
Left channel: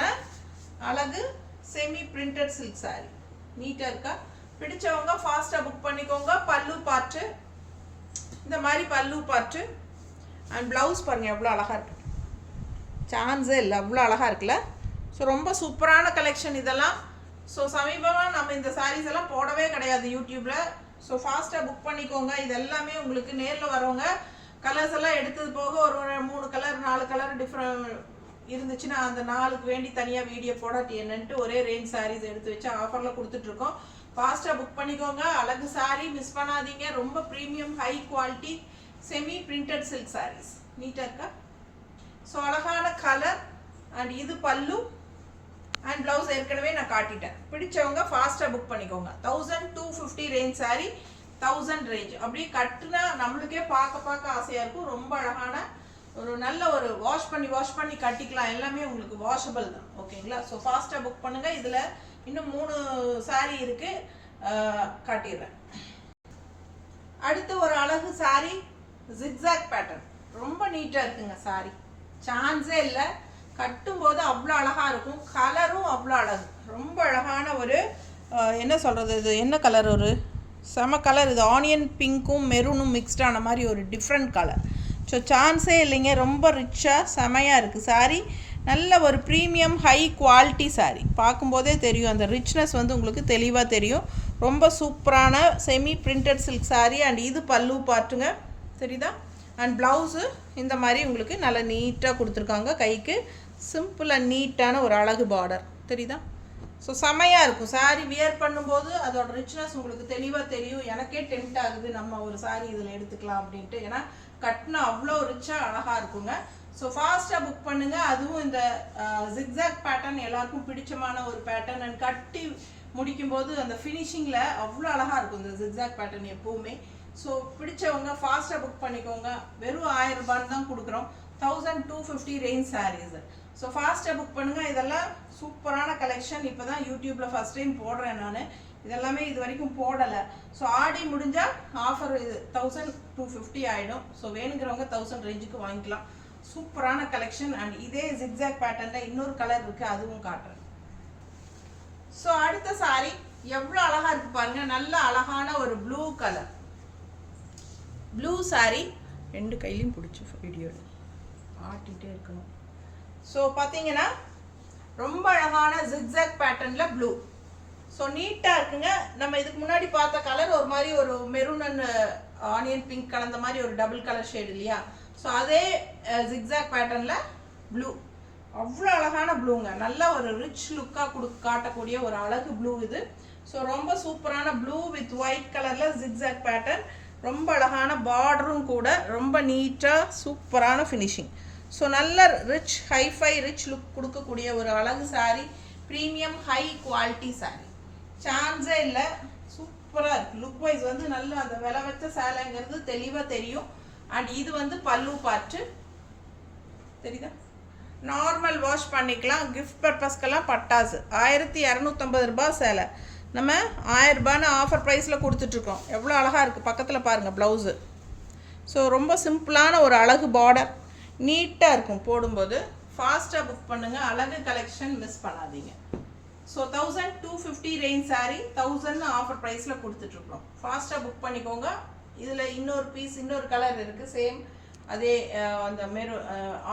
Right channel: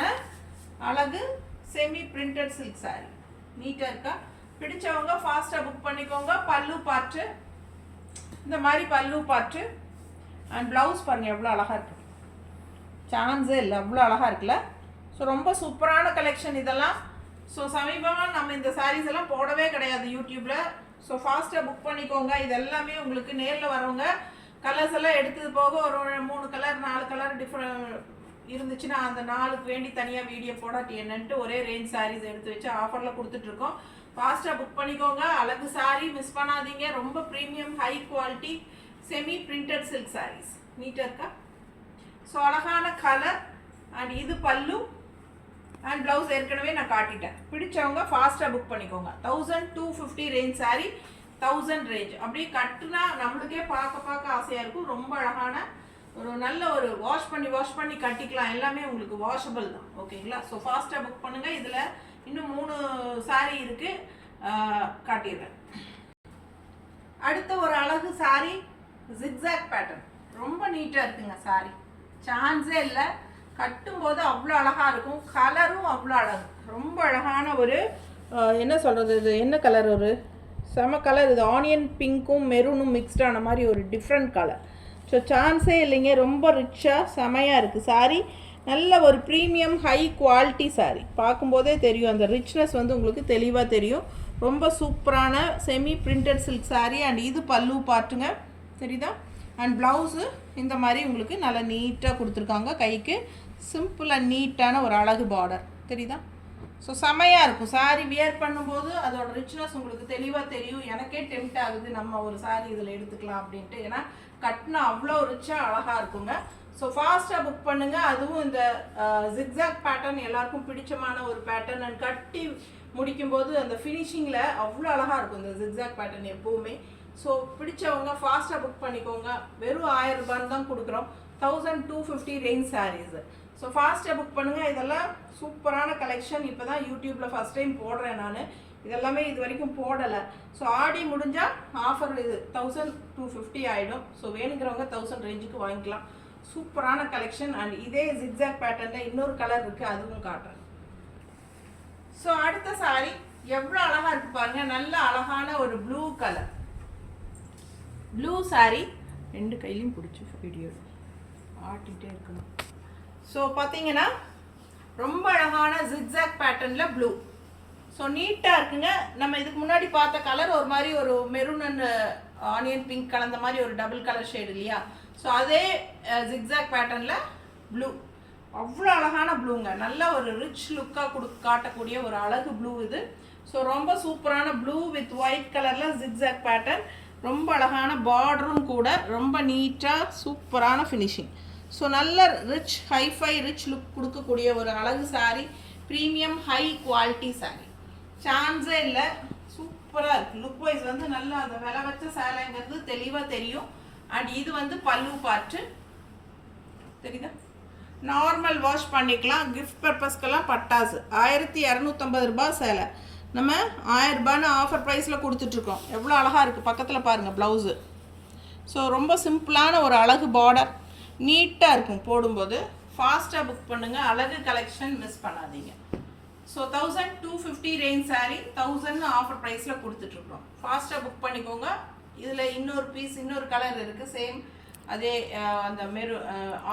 அழகு செமி பிரிண்டட் சில்க் சாரீ, நீட்டாக இருக்கா. பிடிச்சவங்க ஃபாஸ்ட்டாக புக் பண்ணிக்கோங்க. பல்லு பார்ட்டு இந்த மாதிரி பல்லு பார்ட்டு அண்ட் ப்ளவுஸ் பாருங்கள் எவ்வளோ அழகாக இருக்குது, சான்ஸே இல்லை, அவ்வளோ அழகாக இருக்குல்ல. ஸோ ரொம்ப சூப்பரான கலெக்ஷன் இதெல்லாம். ஸோ சமீபமாக நம்ம இந்த சாரீஸ் எல்லாம் போடவே கிடையாது யூடியூப்பில். ஸோ ஃபாஸ்ட்டாக புக் பண்ணிக்கோங்க. இது எல்லாமே உங்களுக்கு நேரில் வரவங்க கலர்ஸ் எல்லாம் எடுத்தது போக ஒரு 3 கலர் 4 கலர் டிஃப்ரெண்ட் இருந்துச்சுன்னா அந்த 4க்கு வேண்டி தனியாக வீடியோ போடாட்டி என்னன்ட்டு ஒரே ரேஞ்ச் சாரீஸ் எடுத்து வச்சு ஆஃபரில் கொடுத்துட்ருக்கோம். ஃபாஸ்ட்டாக புக் பண்ணிக்கோங்க. அழகு சாரீ, மிஸ் பண்ணாதீங்க. ரொம்ப premium high quality semi printed silk saris, நீட்டாக இருக்கா. ஸோ அழகான கலர் அண்ட் இது பல்லு அண்ட் ப்ளவுஸ் ஏற்கனவே நான் காட்டிட்டேன். பிடிச்சவங்க ஃபாஸ்ட்டாக புக் பண்ணிக்கோங்க. 1250 ரேஞ்ச் சாரீ, 1000 ரேஞ்ச். அப்படி கட்டுனா நம்மளுக்கே பார்க்க ஆசையாக இருக்கும். ரொம்ப அழகான ஒரு நல்ல ஒரு வாஷ் பண்ணி கட்டிக்கலாம். எல்லாமே உங்களுக்கு வாஷபிள் தான் ஓகேங்களா. ஸோ ஃபாஸ்ட்டாக புக் பண்ணுங்கள். இதில் இன்னும் 3 சாரீ இருக்குது, காட்டிடுறேன். அடுத்து ஒரு அழகு சாரீ, ஜிக்ஸாக் பேட்டர்ன், ரொம்ப நீட்டாக இருக்குங்க சாரீ, சான்ஸே இல்லை. கட்டும்போது அவ்வளோ அழகாக இருக்கும், கலரும் அவ்வளோ அழகு, ரொம்ப அழகான ஒரு என்ன சொல்கிறது, இது என்ன கலர், ஒரு செம கலர். இது ஆனியன் பிங்க்கும் மெரூனும் மிக்ஸ்டான மாதிரி ஒரு டிஃப்ரெண்ட் கலர். ஸோ சான்ஸே இல்லைங்க, ரொம்ப ரிச்சாக செமையாக இருக்குது சாரீ. நல்ல ஒரு ப்ரீமியம் ஹை குவாலிட்டி சாரீ, பார்க்கும்போதே தெரியும் அந்த ரிச்னஸ் வந்து உங்களுக்கு தெளிவாக தெரியும். ரொம்ப சூப்பரான semi printed silk sari. And இது பல்லு பார்ட்டுங்க, தெரியுதா. அண்ட் ப்ளவுஸு இந்த மாதிரி உங்களுக்கு நல்லா நீட்டாக கொடுத்துருக்காங்க. கைக்கு சிம்பிள் அண்ட் நீட்டான ஒரு அழகு பார்டர், தெரியுதா. ஸோ செமையாக இருக்கும் சாரீ. வியர் பண்ணும்போது அதோட ரிச்னஸ் உங்களுக்கு தெளிவாக தெரியும். எனக்கே டெம்ட் ஆகுது நம்ம ஒரு சாரீ இதில் எடுத்துக்கலாம் அப்படின்ட்டு, ஏன்னா கட்டினா அவ்வளோ ரிச்சாக அழகாக இருக்குங்க. ஸோ ஃபாஸ்ட்டாக புக் பண்ணுங்கள். அதுவும் இந்த ஜிக்ஸாக் பேட்டர்ன் எல்லாருக்கும் பிடிச்சமான ஒரு பேட்டர்ன். அண்ட் கட்டி முடிக்கும்போது அந்த ஃபினிஷிங்கில் அவ்வளோ அழகாக இருக்கும் இந்த ஜிக்ஸாக் பேட்டர்ன் எப்போவுமே. ஸோ பிடிச்சவங்க ஃபாஸ்ட்டாக புக் பண்ணிக்கோங்க. வெறும் 1000 ரூபான்னு தான் கொடுக்குறோம். 1250 ரேஞ்ச் சாரீஸ். ஸோ ஃபாஸ்ட்டாக புக் பண்ணுங்கள். இதெல்லாம் சூப்பரான கலெக்ஷன். இப்போ தான் யூடியூப்பில் ஃபஸ்ட் டைம் போடுறேன் நான். இதெல்லாமே இது வரைக்கும் போடலை. ஸோ ஆடி முடிஞ்சால் ஆஃபர் இது 1250 ஆகிடும். ஸோ வேணுங்கிறவங்க 1000 ரேஞ்சுக்கு வாங்கிக்கலாம். சூப்பரான கலெக்ஷன். அண்ட் இதே ஜிக்ஸாக் பேட்டர்னில் இன்னொரு கலர் இருக்குது, அதுவும் காட்டுறேன். ஸோ அடுத்த சாரீ எவ்வளோ அழகாக இருக்குது பாருங்கள், நல்ல அழகான ஒரு ப்ளூ கலர், ப்ளூ சாரீ. 2 கையிலையும் பிடிச்சி வீடியோ ஆட்டிகிட்டே இருக்கணும். ஸோ பார்த்தீங்கன்னா ரொம்ப அழகான ஜிக்ஸாக் பேட்டர்னில் ப்ளூ. ஸோ நீட்டாக இருக்குங்க. நம்ம இதுக்கு முன்னாடி பார்த்த கலர் ஒரு மாதிரி ஒரு மெரூன் அண்ட் ஆனியன் பிங்க் கலந்த மாதிரி ஒரு டபுள் கலர் ஷேடு இல்லையா. ஸோ அதே ஜிக்ஸாக் பேட்டர்னில் ப்ளூ, அவ்வளோ அழகான ப்ளூங்க. நல்ல ஒரு ரிச் லுக்காக காட்டக்கூடிய ஒரு அழகு ப்ளூ இது. ஸோ ரொம்ப சூப்பரான ப்ளூ வித் ஒயிட் கலரில் ஜிக்ஸாக் பேட்டர்ன், ரொம்ப அழகான பார்டரும் கூட, ரொம்ப நீட்டாக சூப்பரான ஃபினிஷிங். ஸோ நல்ல ரிச் ஹைஃபை ரிச் லுக் கொடுக்கக்கூடிய ஒரு அழகு sari. Premium high quality sari, சான்ஸே இல்லை. சூப்பராக இருக்குது. லுக் வைஸ் வந்து நல்லா அந்த விலை வச்ச சேலைங்கிறது தெளிவாக தெரியும். அண்ட் இது வந்து பல்லு பார்ட்டு தெரியுதா? நார்மல் வாஷ் பண்ணிக்கலாம். கிஃப்ட் பர்பஸ்க்கெல்லாம் பட்டாசு. 1250 ரூபாய் சேலை. நம்ம 1000 ரூபான்னு ஆஃபர் ப்ரைஸில் கொடுத்துட்ருக்கோம். எவ்வளோ அழகாக இருக்குது, பக்கத்தில் பாருங்கள் ப்ளவுஸு. ஸோ ரொம்ப சிம்பிளான ஒரு அழகு பார்டர், நீட்டாக இருக்கும் போடும்போது. ஃபாஸ்ட்டாக புக் பண்ணுங்கள். அழகு கலெக்ஷன் மிஸ் பண்ணாதீங்க. ஸோ 1250 ரேஞ்ச் சாரீ 1000 ஆஃபர் ப்ரைஸில் கொடுத்துட்ருக்குறோம். ஃபாஸ்ட்டாக புக் பண்ணிக்கோங்க. இதில் இன்னொரு பீஸ், இன்னொரு கலர் இருக்குது சேம். அதே அந்த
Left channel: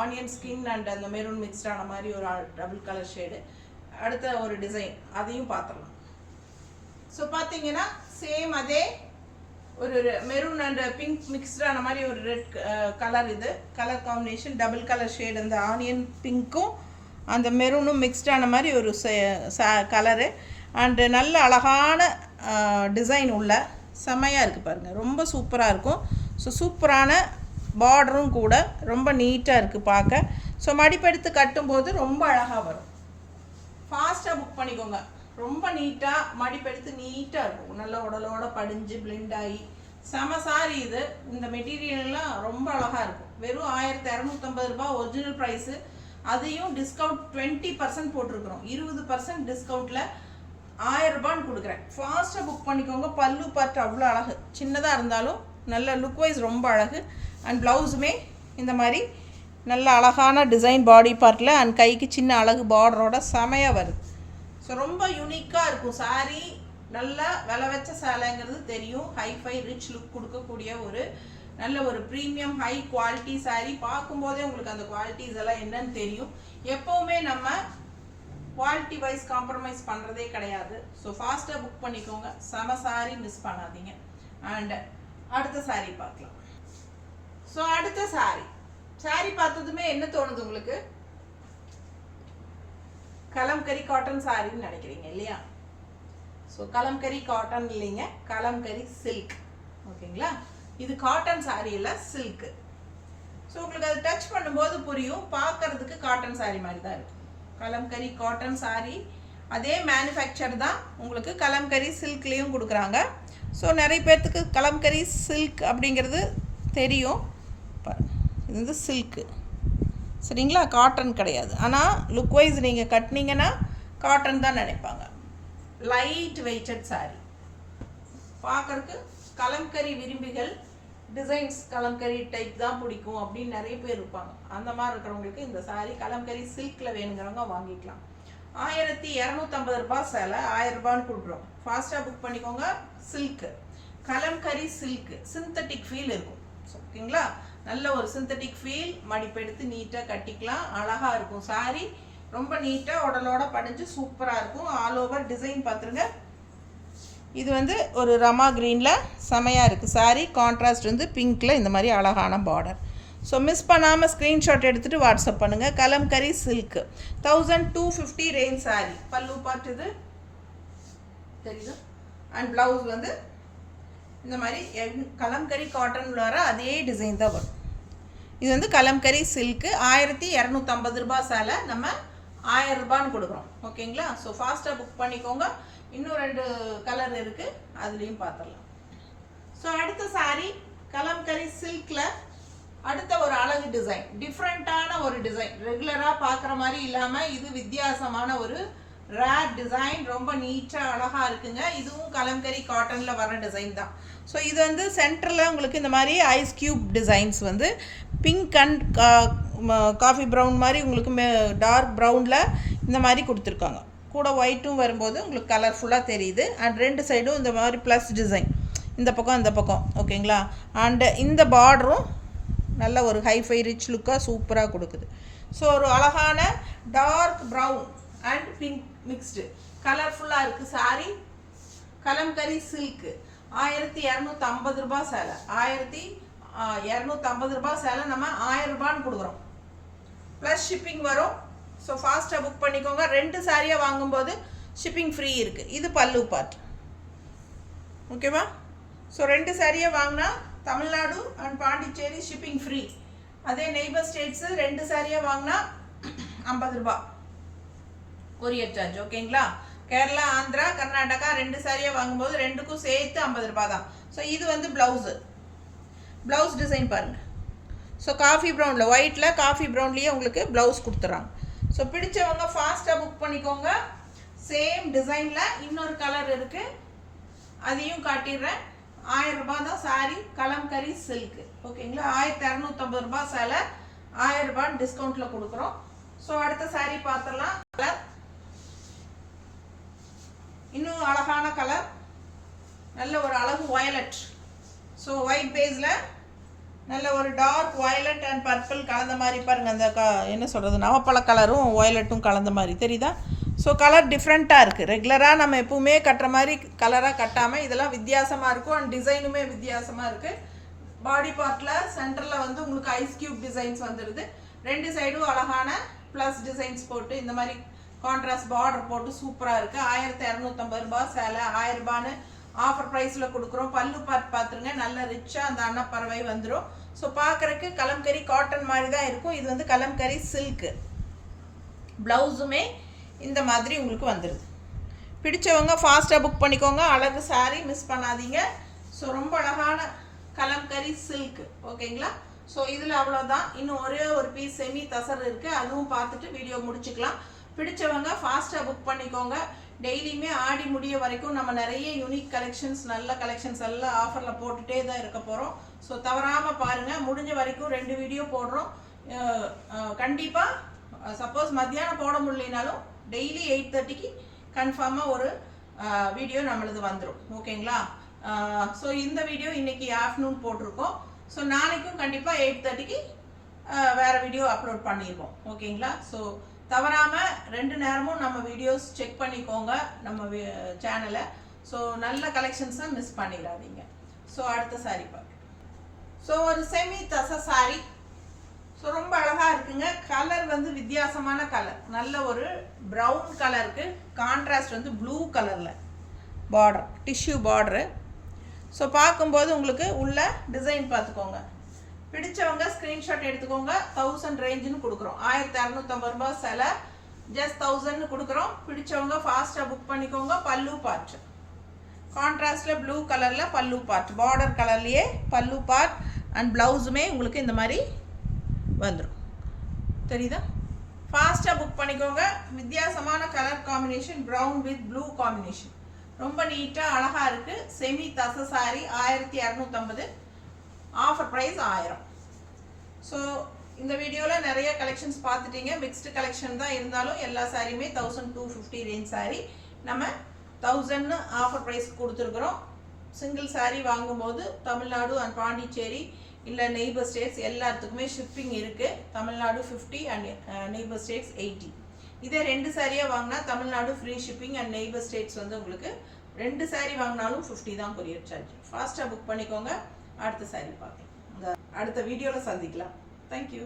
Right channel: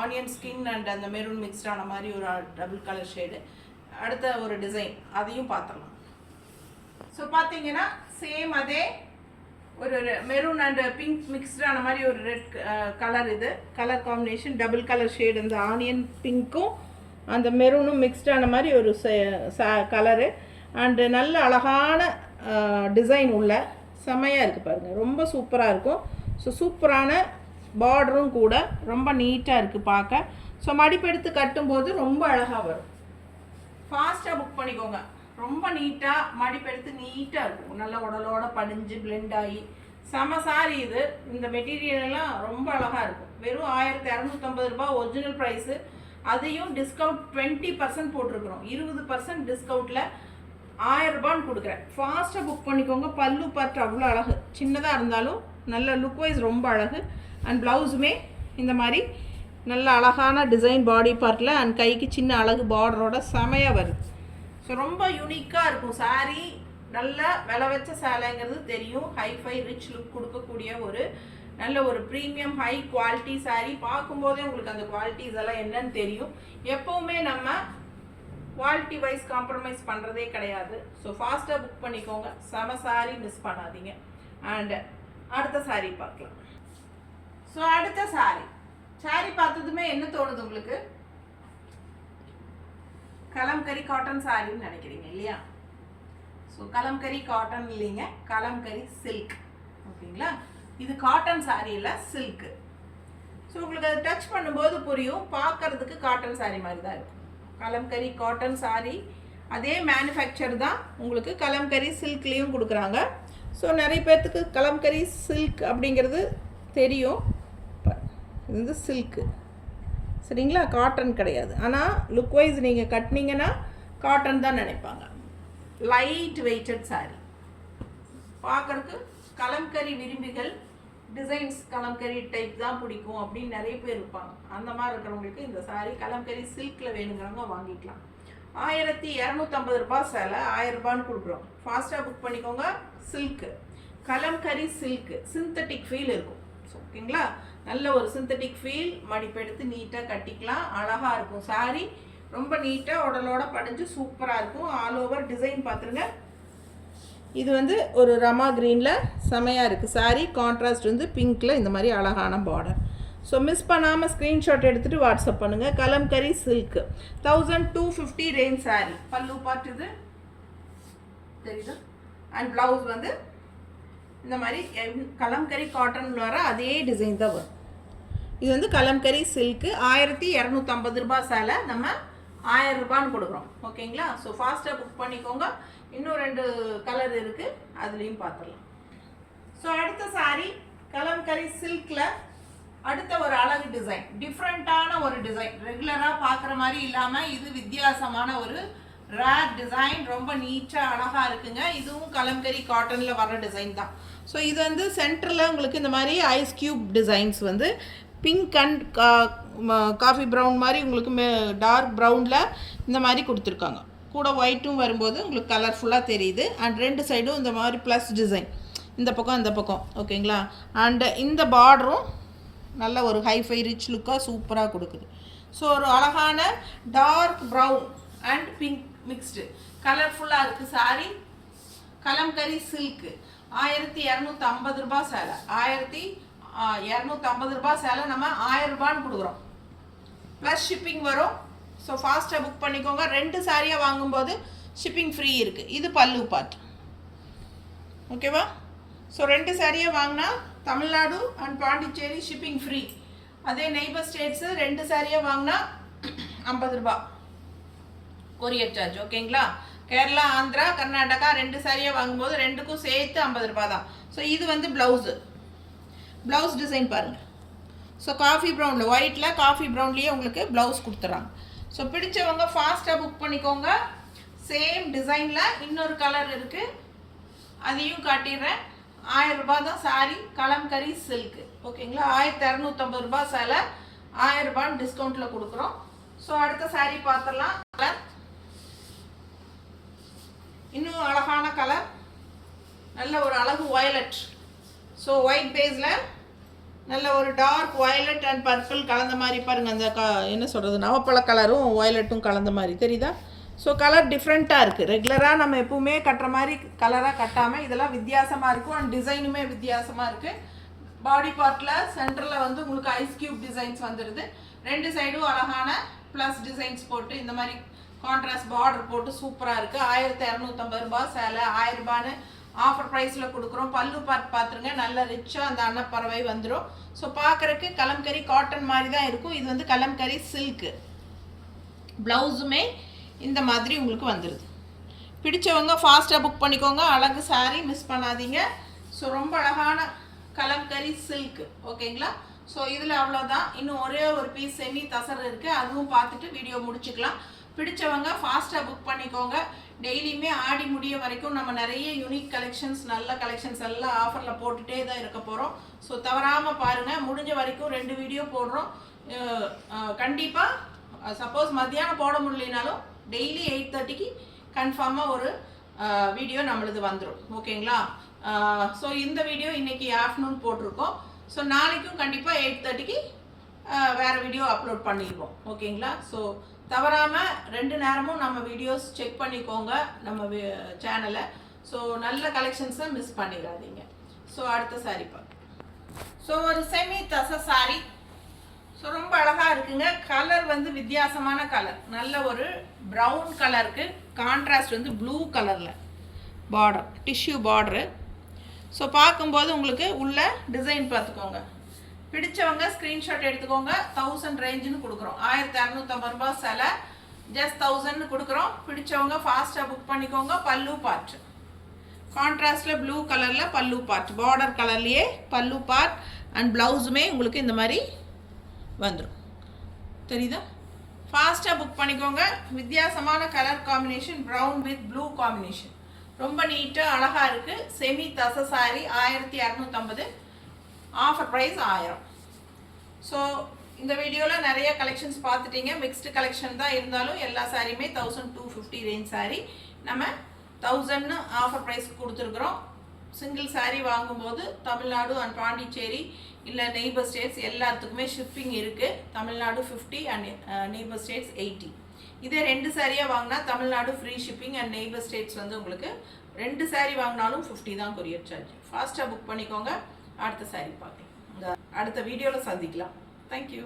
ஆனியன் ஸ்கின் அண்ட் அந்த மெரூன் மிக்ஸ்டான மாதிரி ஒரு டபுள் கலர் ஷேடு. அடுத்த ஒரு டிசைன் அதையும் பார்த்துடலாம். ஸோ பார்த்தீங்கன்னா சேம் அதே ஒரு மெரூன் அண்ட் பிங்க் மிக்ஸ்டான மாதிரி ஒரு ரெட் கலர். இது colour combination double colour shade. அந்த ஆனியன் பிங்க்கும் அந்த மெரூனும் மிக்ஸ்டான மாதிரி ஒரு கலரு. அண்டு நல்ல அழகான டிசைன் உள்ள செமையாக இருக்குது பாருங்கள். ரொம்ப சூப்பராக இருக்கும். ஸோ சூப்பரான பார்டரும் கூட ரொம்ப நீட்டாக இருக்குது பார்க்க. ஸோ மடிப்பெடுத்து கட்டும்போது ரொம்ப அழகாக வரும். ஃபாஸ்ட்டாக புக் பண்ணிக்கோங்க. ரொம்ப நீட்டாக மடிப்பெடுத்து நீட்டாக இருக்கும். நல்ல உடலோட படிஞ்சு பிளெண்ட் ஆகி செம சாரி இது. இந்த மெட்டீரியல்லாம் ரொம்ப அழகாக இருக்கும். வெறும் 1250 ரூபாய் ஒரிஜினல் ப்ரைஸு. அதையும் டிஸ்கவுண்ட் 20% போட்டிருக்கிறோம். 20% டிஸ்கவுண்ட்டில் 1000 ரூபான்னு கொடுக்குறேன். ஃபாஸ்ட்டாக புக் பண்ணிக்கோங்க. பல்லு பார்த்து அவ்வளோ அழகு, சின்னதாக இருந்தாலும் நல்ல லுக் வைஸ் ரொம்ப அழகு. அண்ட் ப்ளவுஸுமே இந்த மாதிரி நல்ல அழகான டிசைன் பாடி பார்ட்டில் அண்ட் கைக்கு சின்ன அழகு பார்டரோட செமையாக வருது. ஸோ ரொம்ப யூனிக்காக இருக்கும் சாரீ. நல்ல விலை வச்ச சேலைங்கிறது தெரியும். ஹைஃபை ரிச் லுக் கொடுக்கக்கூடிய ஒரு நல்ல ஒரு ப்ரீமியம் ஹை குவாலிட்டி சாரீ. பார்க்கும்போதே உங்களுக்கு அந்த குவாலிட்டிஸ் எல்லாம் என்னன்னு தெரியும். எப்போவுமே நம்ம குவாலிட்டி வைஸ் காம்ப்ரமைஸ் பண்ணுறதே கிடையாது. ஸோ ஃபாஸ்ட்டாக புக் பண்ணிக்கோங்க. செம சாரீ மிஸ் பண்ணாதீங்க. அண்ட் அடுத்த சாரீ பார்க்கலாம். ஸோ அடுத்த சாரீ பார்த்ததுமே என்ன தோணுது உங்களுக்கு? கலம்கரி காட்டன் சாரின்னு நினைக்கிறீங்க இல்லையா? ஸோ கலம்கரி காட்டன் இல்லைங்க, கலம்கரி சில்க். ஓகேங்களா? இது காட்டன் சாரீ இல்லை, சில்க்கு. ஸோ உங்களுக்கு அது டச் பண்ணும்போது புரியும். பார்க்கறதுக்கு காட்டன் சாரீ மாதிரி தான் இருக்கும். கலம்கரி காட்டன் சாரீ அதே மேனுஃபேக்சர் தான் உங்களுக்கு கலம்கரி சில்க்லேயும் கொடுக்குறாங்க. ஸோ நிறைய பேர்த்துக்கு கலம்கரி சில்க் அப்படிங்கிறது தெரியும். இது வந்து சில்க்கு சரிங்களா, காட்டன் கிடையாது. ஆனால் லுக் வைஸ் நீங்கள் கட்டினீங்கன்னா காட்டன் தான் நினைப்பாங்க. Light weighted sari. பார்க்கறதுக்கு கலம்கரி விரும்பிகள் டிசைன்ஸ் கலம்கரி டைப் தான் பிடிக்கும் அப்படின்னு நிறைய பேர் இருப்பாங்க. அந்த மாதிரி இருக்கிறவங்களுக்கு இந்த சாரீ கலம்கரி சில்கில் வேணுங்கிறவங்க வாங்கிக்கலாம். 1250 ரூபாய் சேலை 1000 ரூபான்னு கொடுக்குறோம். ஃபாஸ்ட்டாக புக் பண்ணிக்கோங்க. Silk, kalamkari silk, synthetic feel இருக்கும். ஓகேங்களா? நல்ல ஒரு சிந்தட்டிக் ஃபீல். மடிப்பெடுத்து நீட்டாக கட்டிக்கலாம். அழகாக இருக்கும் சாரீ. ரொம்ப நீட்டாக உடலோட படிஞ்சு சூப்பராக இருக்கும். ஆல் ஓவர் டிசைன் பார்த்துருங்க. இது வந்து ஒரு ரமா க்ரீனில் செமையாக இருக்குது சாரீ. கான்ட்ராஸ்ட் வந்து பிங்க்கில் இந்த மாதிரி அழகான பார்டர். ஸோ மிஸ் பண்ணாமல் ஸ்க்ரீன்ஷாட் எடுத்துகிட்டு வாட்ஸ்அப் பண்ணுங்கள். Kalamkari silk 1250 range sari. பல்லு பார்ட் இது தெரியுது. அண்ட் ப்ளவுஸ் வந்து இந்த மாதிரி கலம்கரி காட்டன் வர அதே டிசைன் தான் வரும். இது வந்து கலம்கரி சில்க்கு 1250 ரூபாய் சேலை நம்ம 1000 ரூபான்னு கொடுக்குறோம். ஓகேங்களா? ஸோ ஃபாஸ்ட்டாக புக் பண்ணிக்கோங்க. இன்னும் 2 கலர் இருக்குது, அதுலேயும் பார்த்துடலாம். ஸோ அடுத்த சாரீ கலம்கரி சில்கில் அடுத்த ஒரு அழகு டிசைன், டிஃப்ரெண்ட்டான ஒரு டிசைன். ரெகுலராக பார்க்குற மாதிரி இல்லாமல் இது வித்தியாசமான ஒரு ரேர் டிசைன். ரொம்ப நீட்டாக அழகாக இருக்குங்க. இதுவும் கலம்கரி காட்டனில் வர டிசைன் தான். ஸோ இது வந்து சென்டரில் உங்களுக்கு இந்த மாதிரி ஐஸ் க்யூப் டிசைன்ஸ் வந்து பிங்க் அண்ட் காஃபி ப்ரௌன் மாதிரி உங்களுக்கு டார்க் ப்ரௌனில் இந்த மாதிரி கொடுத்துருக்காங்க. கூட ஒயிட்டும் வரும்போது உங்களுக்கு கலர்ஃபுல்லாக தெரியுது. அண்ட் 2 சைடும் இந்த மாதிரி ப்ளஸ் டிசைன், இந்த பக்கம் இந்த பக்கம். ஓகேங்களா? அண்டு இந்த பார்டரும் நல்ல ஒரு ஹைஃபை ரிச் லுக்காக சூப்பராக கொடுக்குது. ஸோ ஒரு அழகான dark brown and pink mixed கலர்ஃபுல்லாக இருக்குது சாரீ. கலம்கரி சில்க்கு 1250 ரூபாய் சேலை. 1250 ரூபாய் சேலை நம்ம 1000 ரூபான்னு கொடுக்குறோம். ப்ளஸ் ஷிப்பிங் வரும். ஸோ ஃபாஸ்ட்டாக புக் பண்ணிக்கோங்க. 2 சாரியாக வாங்கும்போது ஷிப்பிங் ஃப்ரீ இருக்குது. இது பல்லு பார்ட். ஓகேவா? ஸோ 2 சாரியாக வாங்கினா Tamil Nadu and Pondicherry shipping free. அதே நெய்பர் ஸ்டேட்ஸு 2 சாரியாக வாங்கினா 50 ரூபா. Courier charge. ஓகேங்களா? கேரளா, ஆந்திரா, கர்நாடகா 2 சாரியை வாங்கும்போது 2க்கும் சேர்த்து 50 ரூபாய் தான். ஸோ இது வந்து ப்ளவுஸ் டிசைன் பாருங்கள். ஸோ காஃபி ப்ரௌனில், ஒயிட்டில் காஃபி ப்ரௌன்லேயே உங்களுக்கு ப்ளவுஸ் கொடுத்துட்றாங்க. ஸோ பிடிச்சவங்க ஃபாஸ்ட்டாக புக் பண்ணிக்கோங்க. சேம் டிசைனில் இன்னொரு கலர் இருக்குது, அதையும் காட்டிடுறேன். 1000 ரூபாய் தான் சாரி, கலம்கரி சில்க்கு. ஓகேங்களா? 1250 ரூபாய் சேலை, 1000 ரூபாய் டிஸ்கவுண்ட்டில் கொடுக்குறோம். ஸோ அடுத்த சாரி பார்த்துடலாம். கலர் இன்னும் அழகான கலர், நல்ல ஒரு அழகு வயலட். ஸோ ஒயிட் பேஸில் நல்ல ஒரு டார்க் வயலட் அண்ட் பர்பிள் கலந்த மாதிரி பாருங்கள். அந்த என்ன சொல்கிறது, நவப்பழ கலரும் வயலட்டும் கலந்த மாதிரி தெரியுதா? ஸோ கலர் டிஃப்ரெண்ட்டாக இருக்குது. ரெகுலராக நம்ம எப்பவுமே கட்டுற மாதிரி கலராக கட்டாமல் இதெல்லாம் வித்தியாசமாக இருக்கும். அண்ட் டிசைனுமே வித்தியாசமாக இருக்குது. பாடி பார்ட்டில் சென்டரில் வந்து உங்களுக்கு ஐஸ் கியூப் டிசைன்ஸ் வந்துடுது. 2 சைடும் அழகான ப்ளஸ் டிசைன்ஸ் போட்டு இந்த மாதிரி கான்ட்ராஸ்ட் பார்டர் போட்டு சூப்பராக இருக்குது. 1250 ரூபாய் சேலை, 1000 ரூபான்னு ஆஃபர் ப்ரைஸில் கொடுக்குறோம். பல்லு பார்ட் பார்த்துருங்க, நல்ல ரிச்சாக அந்த அன்னப்பறவை வந்துடும். ஸோ பார்க்குறக்கு கலம்கரி காட்டன் மாதிரி தான் இருக்கும். இது வந்து கலம்கரி சில்க்கு. ப்ளவுஸுமே இந்த மாதிரி உங்களுக்கு வந்துடுது. பிடிச்சவங்க ஃபாஸ்ட்டாக புக் பண்ணிக்கோங்க. அழகு சாரி, மிஸ் பண்ணாதீங்க. ஸோ ரொம்ப அழகான கலம்கரி சில்க்கு. ஓகேங்களா? ஸோ இதில் அவ்வளோதான். இன்னும் ஒரே ஒரு பீஸ் செமி தசர் இருக்குது, அதுவும் பார்த்துட்டு வீடியோ முடிச்சுக்கலாம். பிடிச்சவங்க ஃபாஸ்ட்டாக புக் பண்ணிக்கோங்க. டெய்லியுமே ஆடி முடிய வரைக்கும் நம்ம நிறைய யூனிக் கலெக்ஷன்ஸ், நல்ல கலெக்ஷன்ஸ் எல்லாம் ஆஃபரில் போட்டுகிட்டே தான் இருக்க போகிறோம். ஸோ தவறாமல் பாருங்கள். முடிஞ்ச வரைக்கும் 2 வீடியோ போடுறோம். கண்டிப்பாக சப்போஸ் மத்தியானம் போட முடியலனாலும் டெய்லி 8:30க்கு கன்ஃபார்மாக ஒரு வீடியோ நம்மளுது வந்துடும். ஓகேங்களா? ஸோ இந்த வீடியோ இன்றைக்கி ஆஃப்டர்நூன் போட்டிருக்கோம். ஸோ நாளைக்கும் கண்டிப்பாக 8:30க்கு வேறு வீடியோ அப்லோட் பண்ணியிருக்கோம். ஓகேங்களா? ஸோ தவறாமல் 2 நேரமும் நம்ம வீடியோஸ் செக் பண்ணிக்கோங்க நம்ம சேனலை. ஸோ நல்ல கலெக்ஷன்ஸை மிஸ் பண்ணிடாதீங்க. ஸோ அடுத்த சாரி பார்க்க. ஸோ ஒரு செமி தச சாரி. ஸோ ரொம்ப அழகாக இருக்குங்க. கலர் வந்து வித்தியாசமான கலர், நல்ல ஒரு ப்ரௌன் கலருக்கு கான்ட்ராஸ்ட் வந்து ப்ளூ கலரில் பார்டர், டிஷ்யூ பார்டரு. ஸோ பார்க்கும்போது உங்களுக்கு உள்ள டிசைன் பார்த்துக்கோங்க. பிடிச்சவங்க ஸ்க்ரீன்ஷாட் எடுத்துக்கோங்க. 1000 ரேஞ்சுன்னு கொடுக்குறோம். 1250 ரூபாய் சேலை, ஜஸ்ட் 1000ன்னு கொடுக்குறோம். பிடிச்சவங்க ஃபாஸ்ட்டாக புக் பண்ணிக்கோங்க. பல்லு பார்ட் கான்ட்ராஸ்டில் ப்ளூ கலரில் பல்லு பார்ட், பார்டர் கலர்லேயே பல்லு பார்ட் அண்ட் ப்ளவுஸுமே உங்களுக்கு இந்த மாதிரி வந்துடும். தெரியுதா? ஃபாஸ்ட்டாக புக் பண்ணிக்கோங்க. வித்தியாசமான colour combination, brown with blue combination, ரொம்ப நீட்டாக அழகாக இருக்குது. செமி தச சாரி 1250, ஆஃபர் ப்ரைஸ் 1000. ஸோ இந்த வீடியோவில் நிறைய கலெக்ஷன்ஸ் பார்த்துட்டீங்க. மிக்ஸ்டு கலெக்ஷன் தான் இருந்தாலும் எல்லா சாரியுமே 1250 ரேஞ்ச் சாரி நம்ம 1000ன்னு ஆஃபர் ப்ரைஸ்க்கு கொடுத்துருக்குறோம். சிங்கிள் சாரி வாங்கும்போது தமிழ்நாடு அண்ட் பாண்டிச்சேரி இல்லை நெய்பர் ஸ்டேட்ஸ் எல்லாத்துக்குமே ஷிப்பிங் இருக்குது. Tamil Nadu 50 and neighbour states 80. இதே 2 சாரியாக வாங்கினா Tamil Nadu free shipping and neighbour states வந்து உங்களுக்கு 2 சாரி வாங்கினாலும் 50 தான் கொரியர் சார்ஜ். ஃபாஸ்ட்டாக புக் பண்ணிக்கோங்க. அடுத்த சாரி பார்க்கலாம். அடுத்த வீடியோவில் சந்திக்கலாம். தேங்க்யூ.